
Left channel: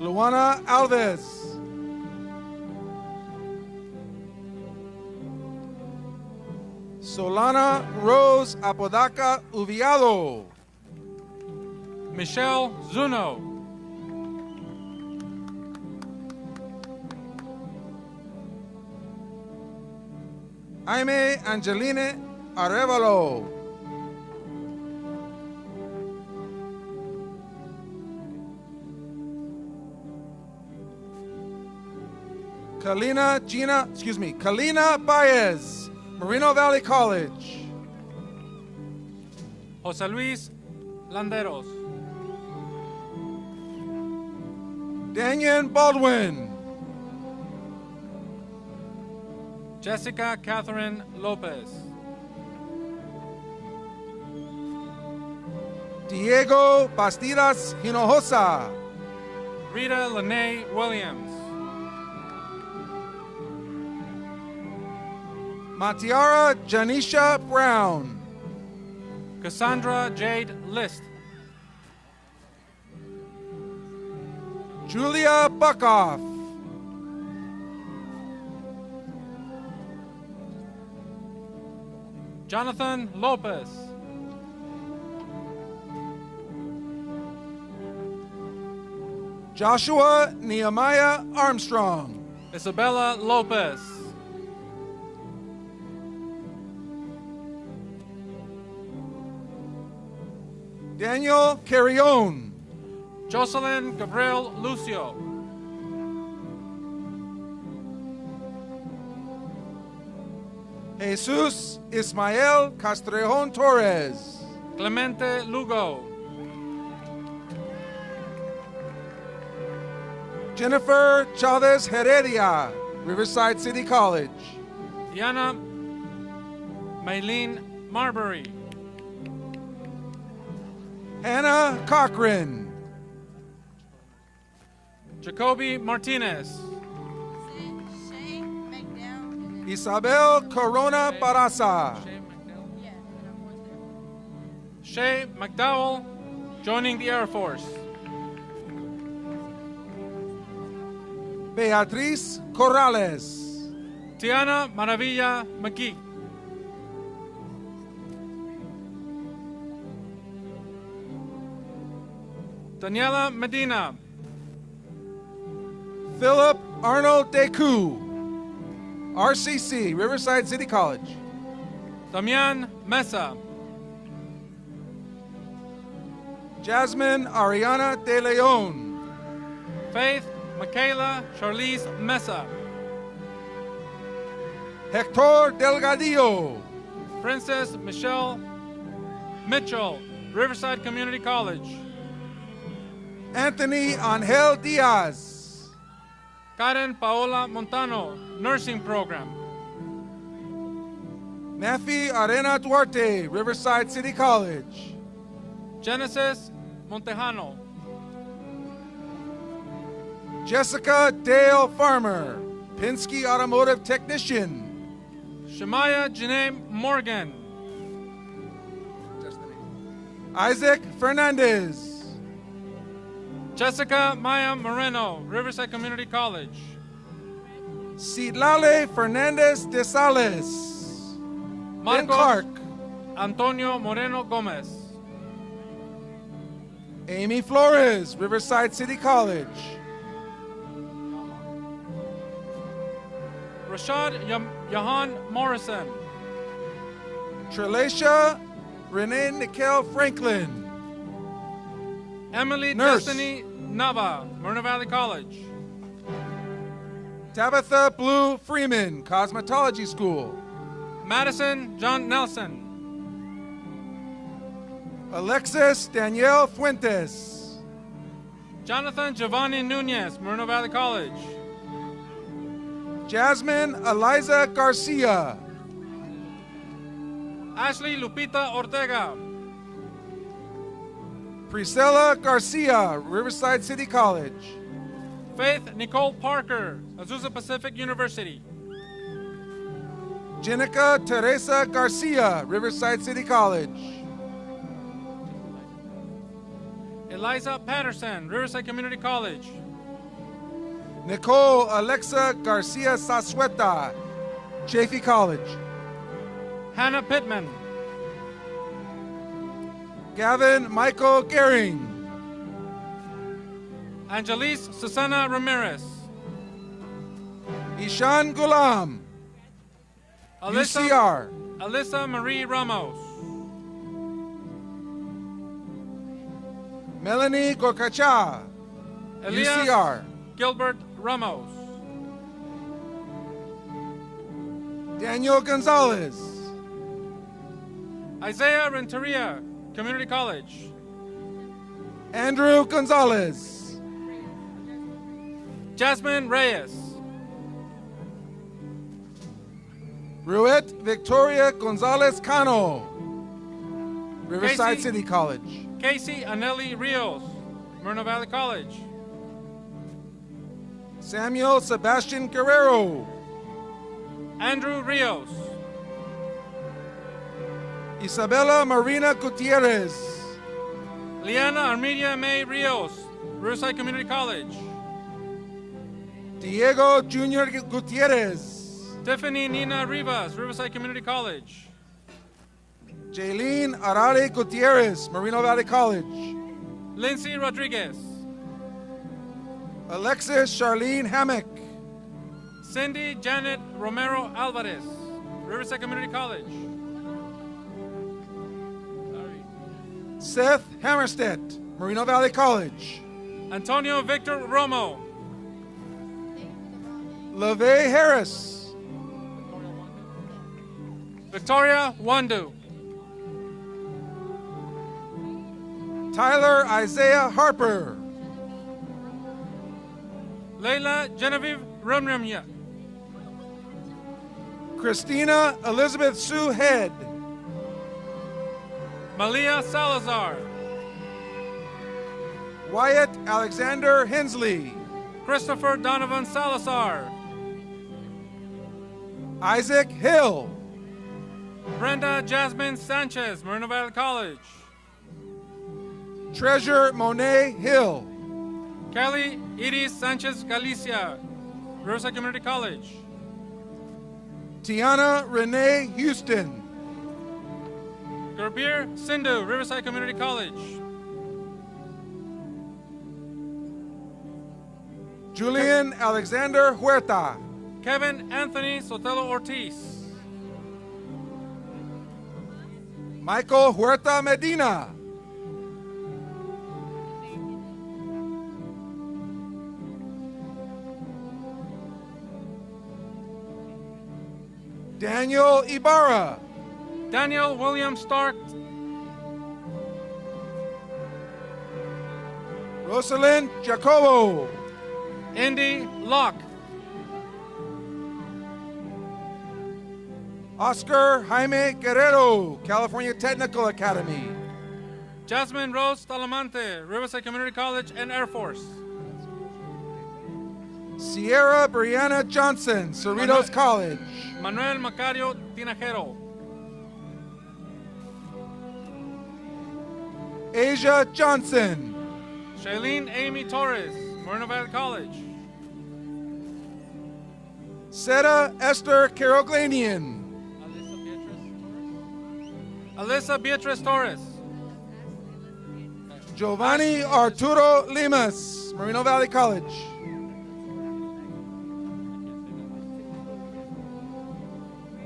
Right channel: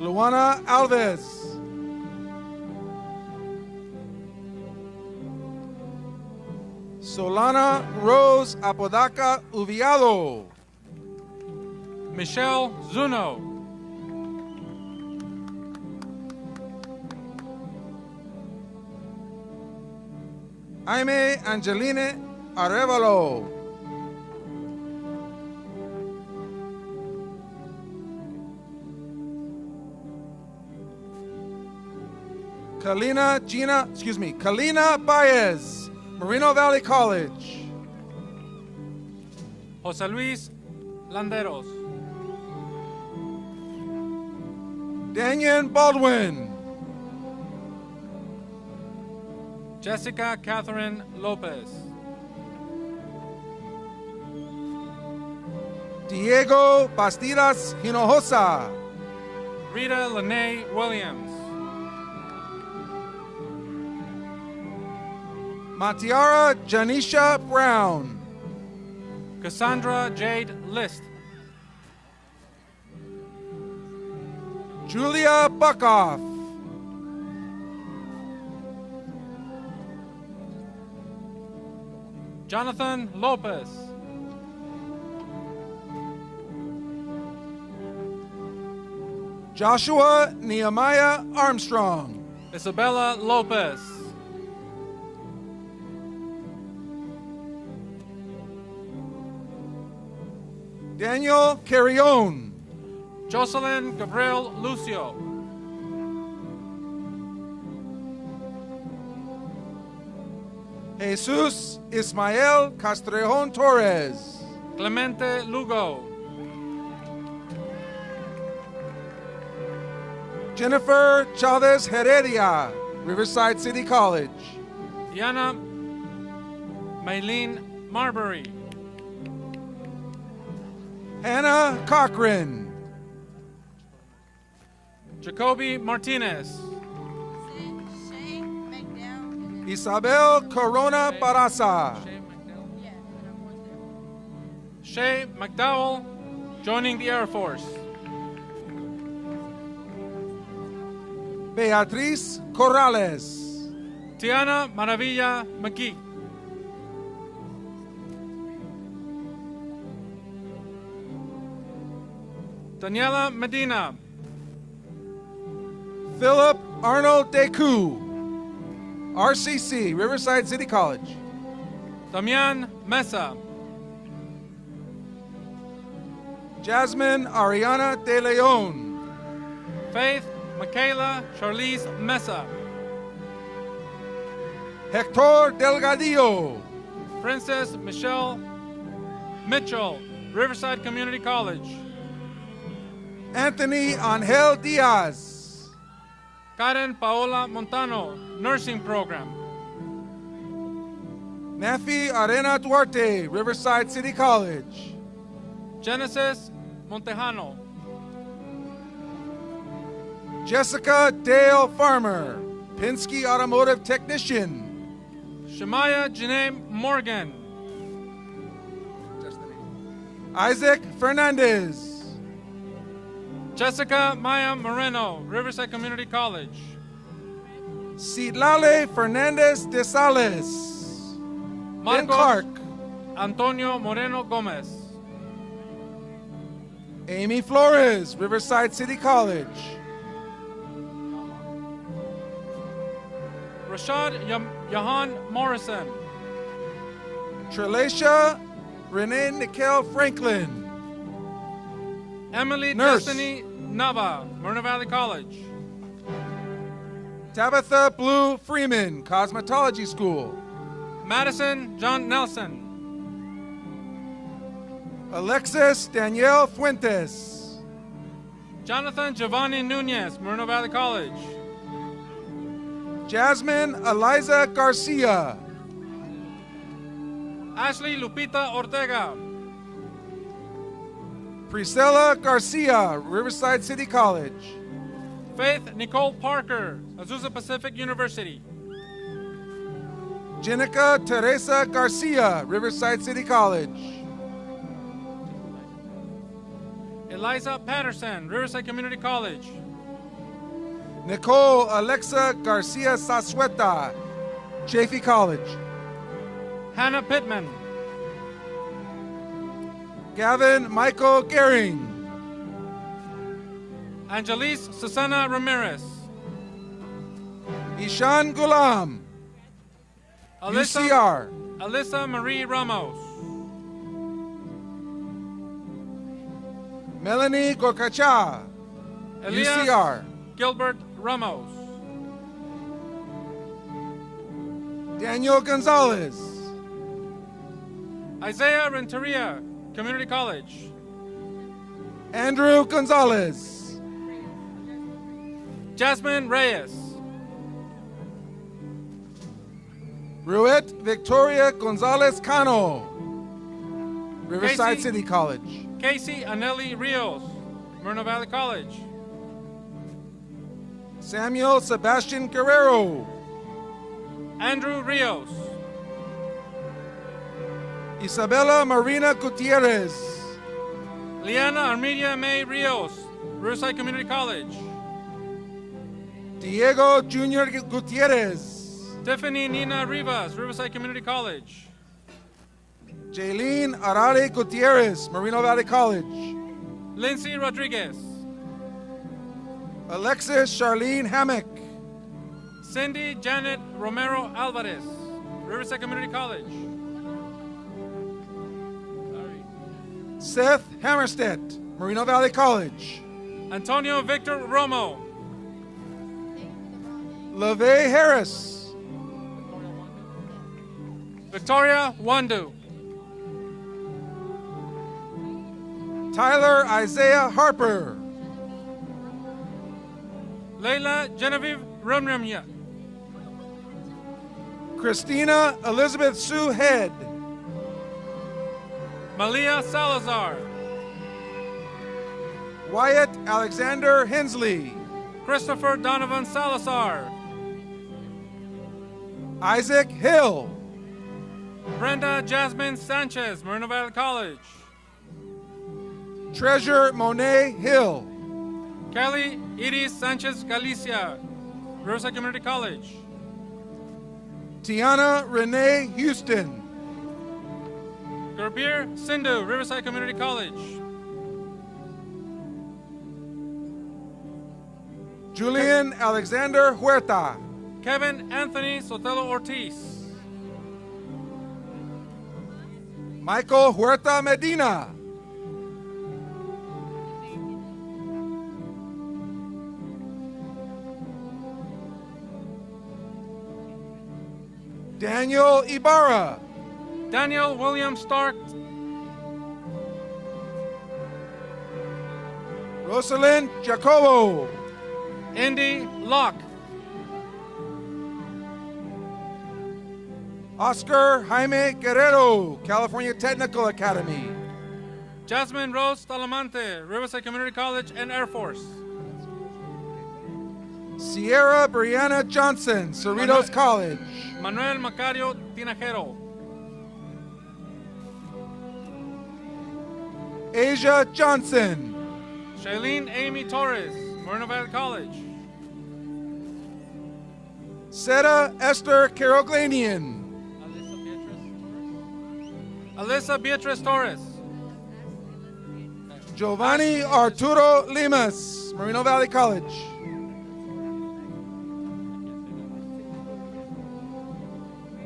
Luana Alves. Solana Rose Apodaca Uviado. Michelle Zuno. Jaime Angeline Arevalo. Kalina Baez, Moreno Valley College. Jose Luis Landeros. Daniel Baldwin. Jessica Catherine Lopez. Diego Bastidas Hinojosa. Rita Lene Williams. Matiara Janisha Brown. Cassandra Jade List. Julia Buckoff. Jonathan Lopez. Joshua Nehemiah Armstrong. Isabella Lopez. Daniel Carrion. Jocelyn Gabriel Lucio. Jesus Ismael Castrejon Torres. Clemente Lugo. Jennifer Chavez Heredia, Riverside City College. Diana Maylene Marbury. Hannah Cochran. Jacoby Martinez. Isabel Corona Barasa. Shay McDowell, joining the Air Force. Beatriz Corrales. Tiana Maravilla McGee. Daniela Medina. Philip Arnold Deku, RCC, Riverside City College. Damian Mesa. Jasmine Ariana De Leon. Faith Michaela Charlize Mesa. Hector Delgadillo. Princess Michelle Mitchell, Riverside Community College. Anthony Angel Diaz. Karen Paola Montano, Nursing Program. Nafi Arena Duarte, Riverside City College. Genesis Montejano. Jessica Dale Farmer, Penske Automotive Technician. Shemaya Janae Morgan. Isaac Fernandez. Jessica Maya Moreno, Riverside Community College. Citlale Fernandez de Sales. Ben Clark. Antonio Moreno Gomez. Amy Flores, Riverside City College. Rashad Yahan Morrison. Trelacia Renee Nicole Franklin. Emily Nurse. Destiny Nava, Moreno Valley College. Tabitha Blue Freeman, Cosmetology School. Madison John Nelson. Alexis Danielle Fuentes. Jonathan Giovanni Nunez, Moreno Valley College. Jasmine Eliza Garcia. Ashley Lupita Ortega. Priscilla Garcia, Riverside City College. Faith Nicole Parker, Azusa Pacific University. Jenica Teresa Garcia, Riverside City College. Eliza Patterson, Riverside Community College. Nicole Alexa Garcia Sasueta, Chaffee College. Hannah Pittman. Gavin Michael Gehring. Angelise Susana Ramirez. Ishan Gulam. UCR. Alyssa Marie Ramos. Melanie Gokacha. Elias UCR. Gilbert Ramos. Daniel Gonzalez. Isaiah Renteria, Community College. Andrew Gonzalez. Jasmine Reyes. Ruet Victoria Gonzalez Cano, Riverside Casey. City College. Casey Anelli Rios, Moreno Valley College. Samuel Sebastian Guerrero. Andrew Rios. Isabella Marina Gutierrez. Liana Armedia May Rios, Riverside Community College. Diego Junior Gutierrez. Tiffany Nina Rivas, Riverside Community College. Jaylene Arare Gutierrez, Moreno Valley College. Lindsay Rodriguez. Alexis Charlene Hammock. Cindy Janet Romero Alvarez, Riverside Community College. Seth Hammerstedt, Moreno Valley College. Antonio Victor Romo. LaVey Harris. Victoria Wandu. Tyler Isaiah Harper. Leila Genevieve Ramramya. Christina Elizabeth Sue Head. Malia Salazar. Wyatt Alexander Hensley. Christopher Donovan Salazar. Isaac Hill. Brenda Jasmine Sanchez, Moreno Valley College. Treasure Monet Hill. Kelly Iris Sanchez Galicia, Riverside Community College. Tiana Renee Houston. Gurbir Sindhu, Riverside Community College. Julian Alexander Huerta. Kevin Anthony Sotelo Ortiz. Michael Huerta Medina. Daniel Ibarra. Daniel William Stark. Rosalind Jacobo. Indy Locke. Oscar Jaime Guerrero, California Technical Academy. Jasmine Rose Talamante, Riverside Community College and Air Force. Sierra Brianna Johnson, Cerritos College. Manuel Macario Tinajero. Asia Johnson. Shailene Amy Torres, Moreno Valley College. Seta Esther Caroglanian. Alyssa Beatriz Torres. Giovanni Arturo Limas, Moreno Valley College.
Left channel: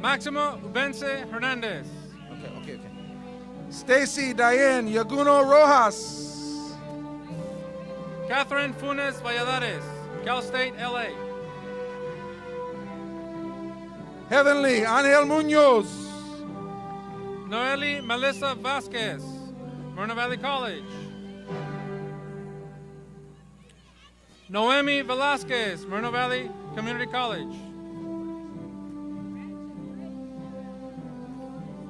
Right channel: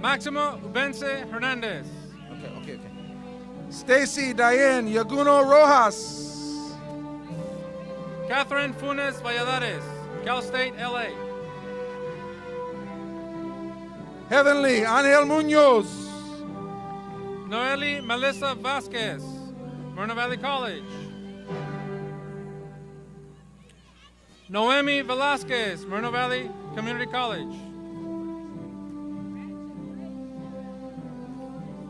Maximo Ubense Hernandez. Okay. Stacy Diane Yaguno Rojas. Catherine Funes Valladares, Cal State, LA. Heavenly Angel Munoz. Noeli Melissa Vasquez, Moreno Valley College. Noemi Velasquez, Moreno Valley Community College.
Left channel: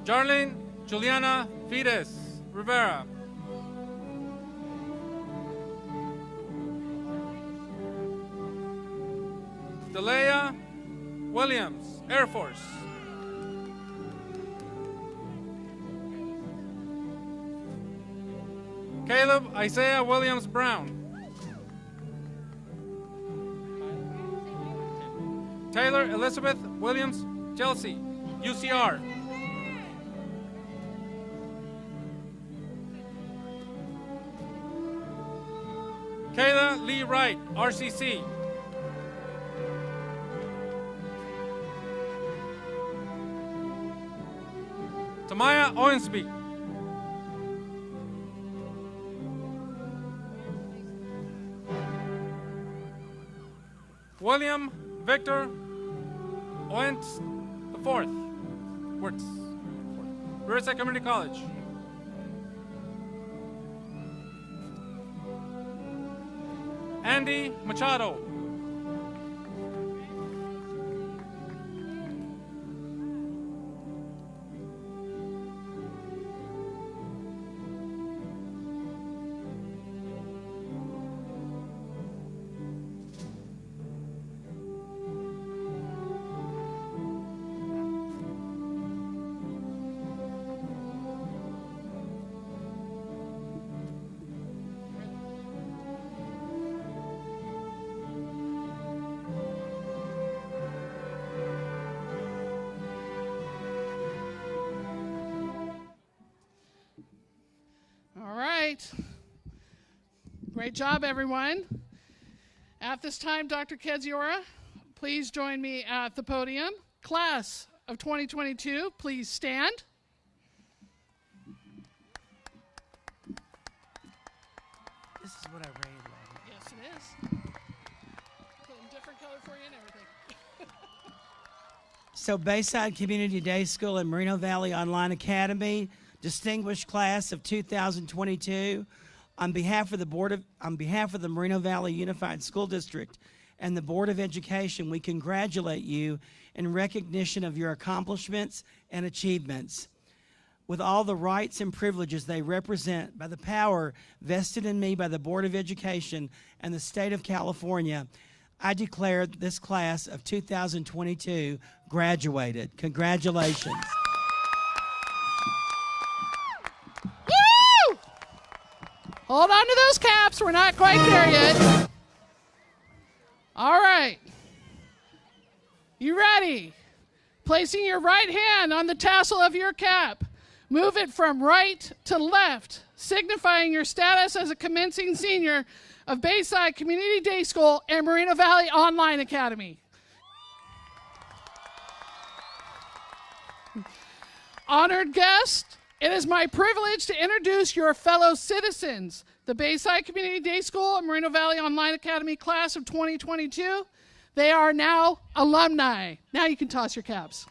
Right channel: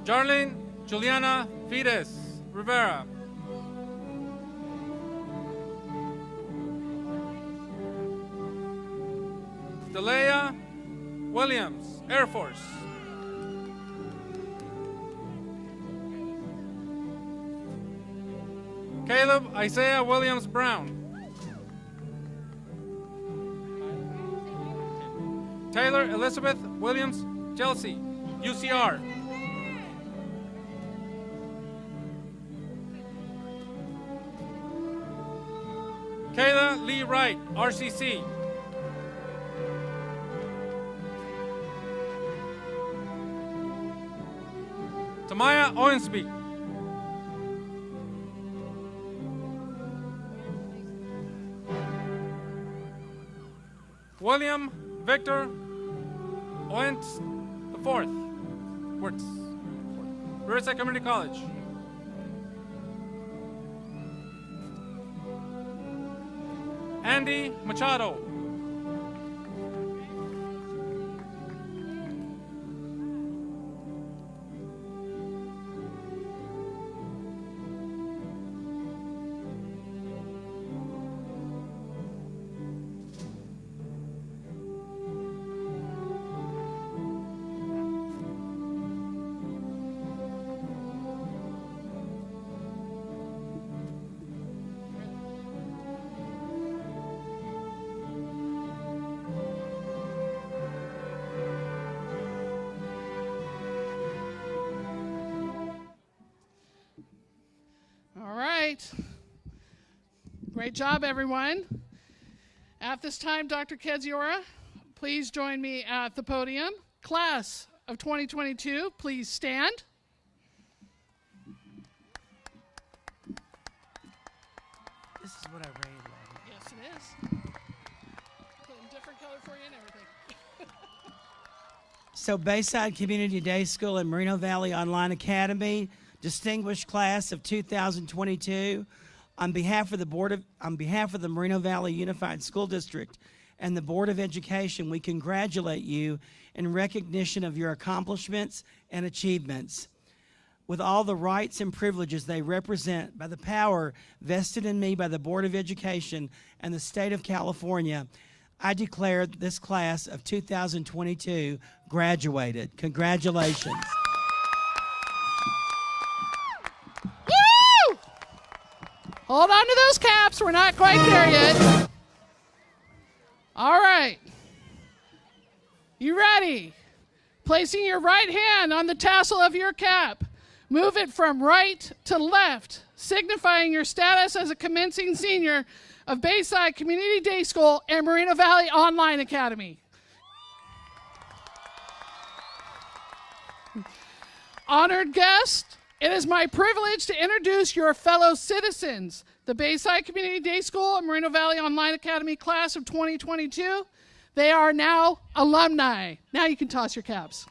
Jarlene Juliana Fides Rivera. Delea Williams, Air Force. Caleb Isaiah Williams Brown. Taylor Elizabeth Williams Chelsea, UCR. Kayla Lee Wright, RCC. Tamaya Owensby. William Victor Owens IV, Works, Riverside Community College. Andy Machado. Great job, everyone. At this time, Dr. Kedziora, please join me at the podium. Class of 2022, please stand. This is what I read. Yes, it is. Putting different color for you and everything. So Bayside Community Day School and Moreno Valley Online Academy, distinguished class of 2022, on behalf of the Moreno Valley Unified School District and the Board of Education, we congratulate you in recognition of your accomplishments and achievements. With all the rights and privileges they represent, by the power vested in me by the Board of Education and the state of California, I declare this class of 2022 graduated. Congratulations. Woo! Hold on to those caps. We're not quite there yet. All right. You ready? Placing your right hand on the tassel of your cap. Move it from right to left, signifying your status as a commencing senior of Bayside Community Day School and Moreno Valley Online Academy. Honored guest, it is my privilege to introduce your fellow citizens, the Bayside Community Day School and Moreno Valley Online Academy class of 2022. They are now alumni. Now you can toss your caps.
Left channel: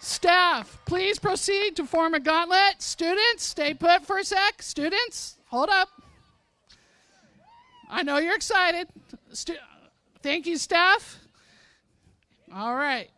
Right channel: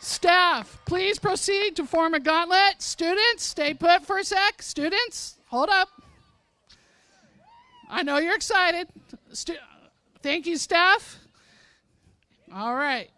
Staff, please proceed to form a gauntlet. Students, stay put for a sec. Students, hold up. I know you're excited. Thank you, staff. All right.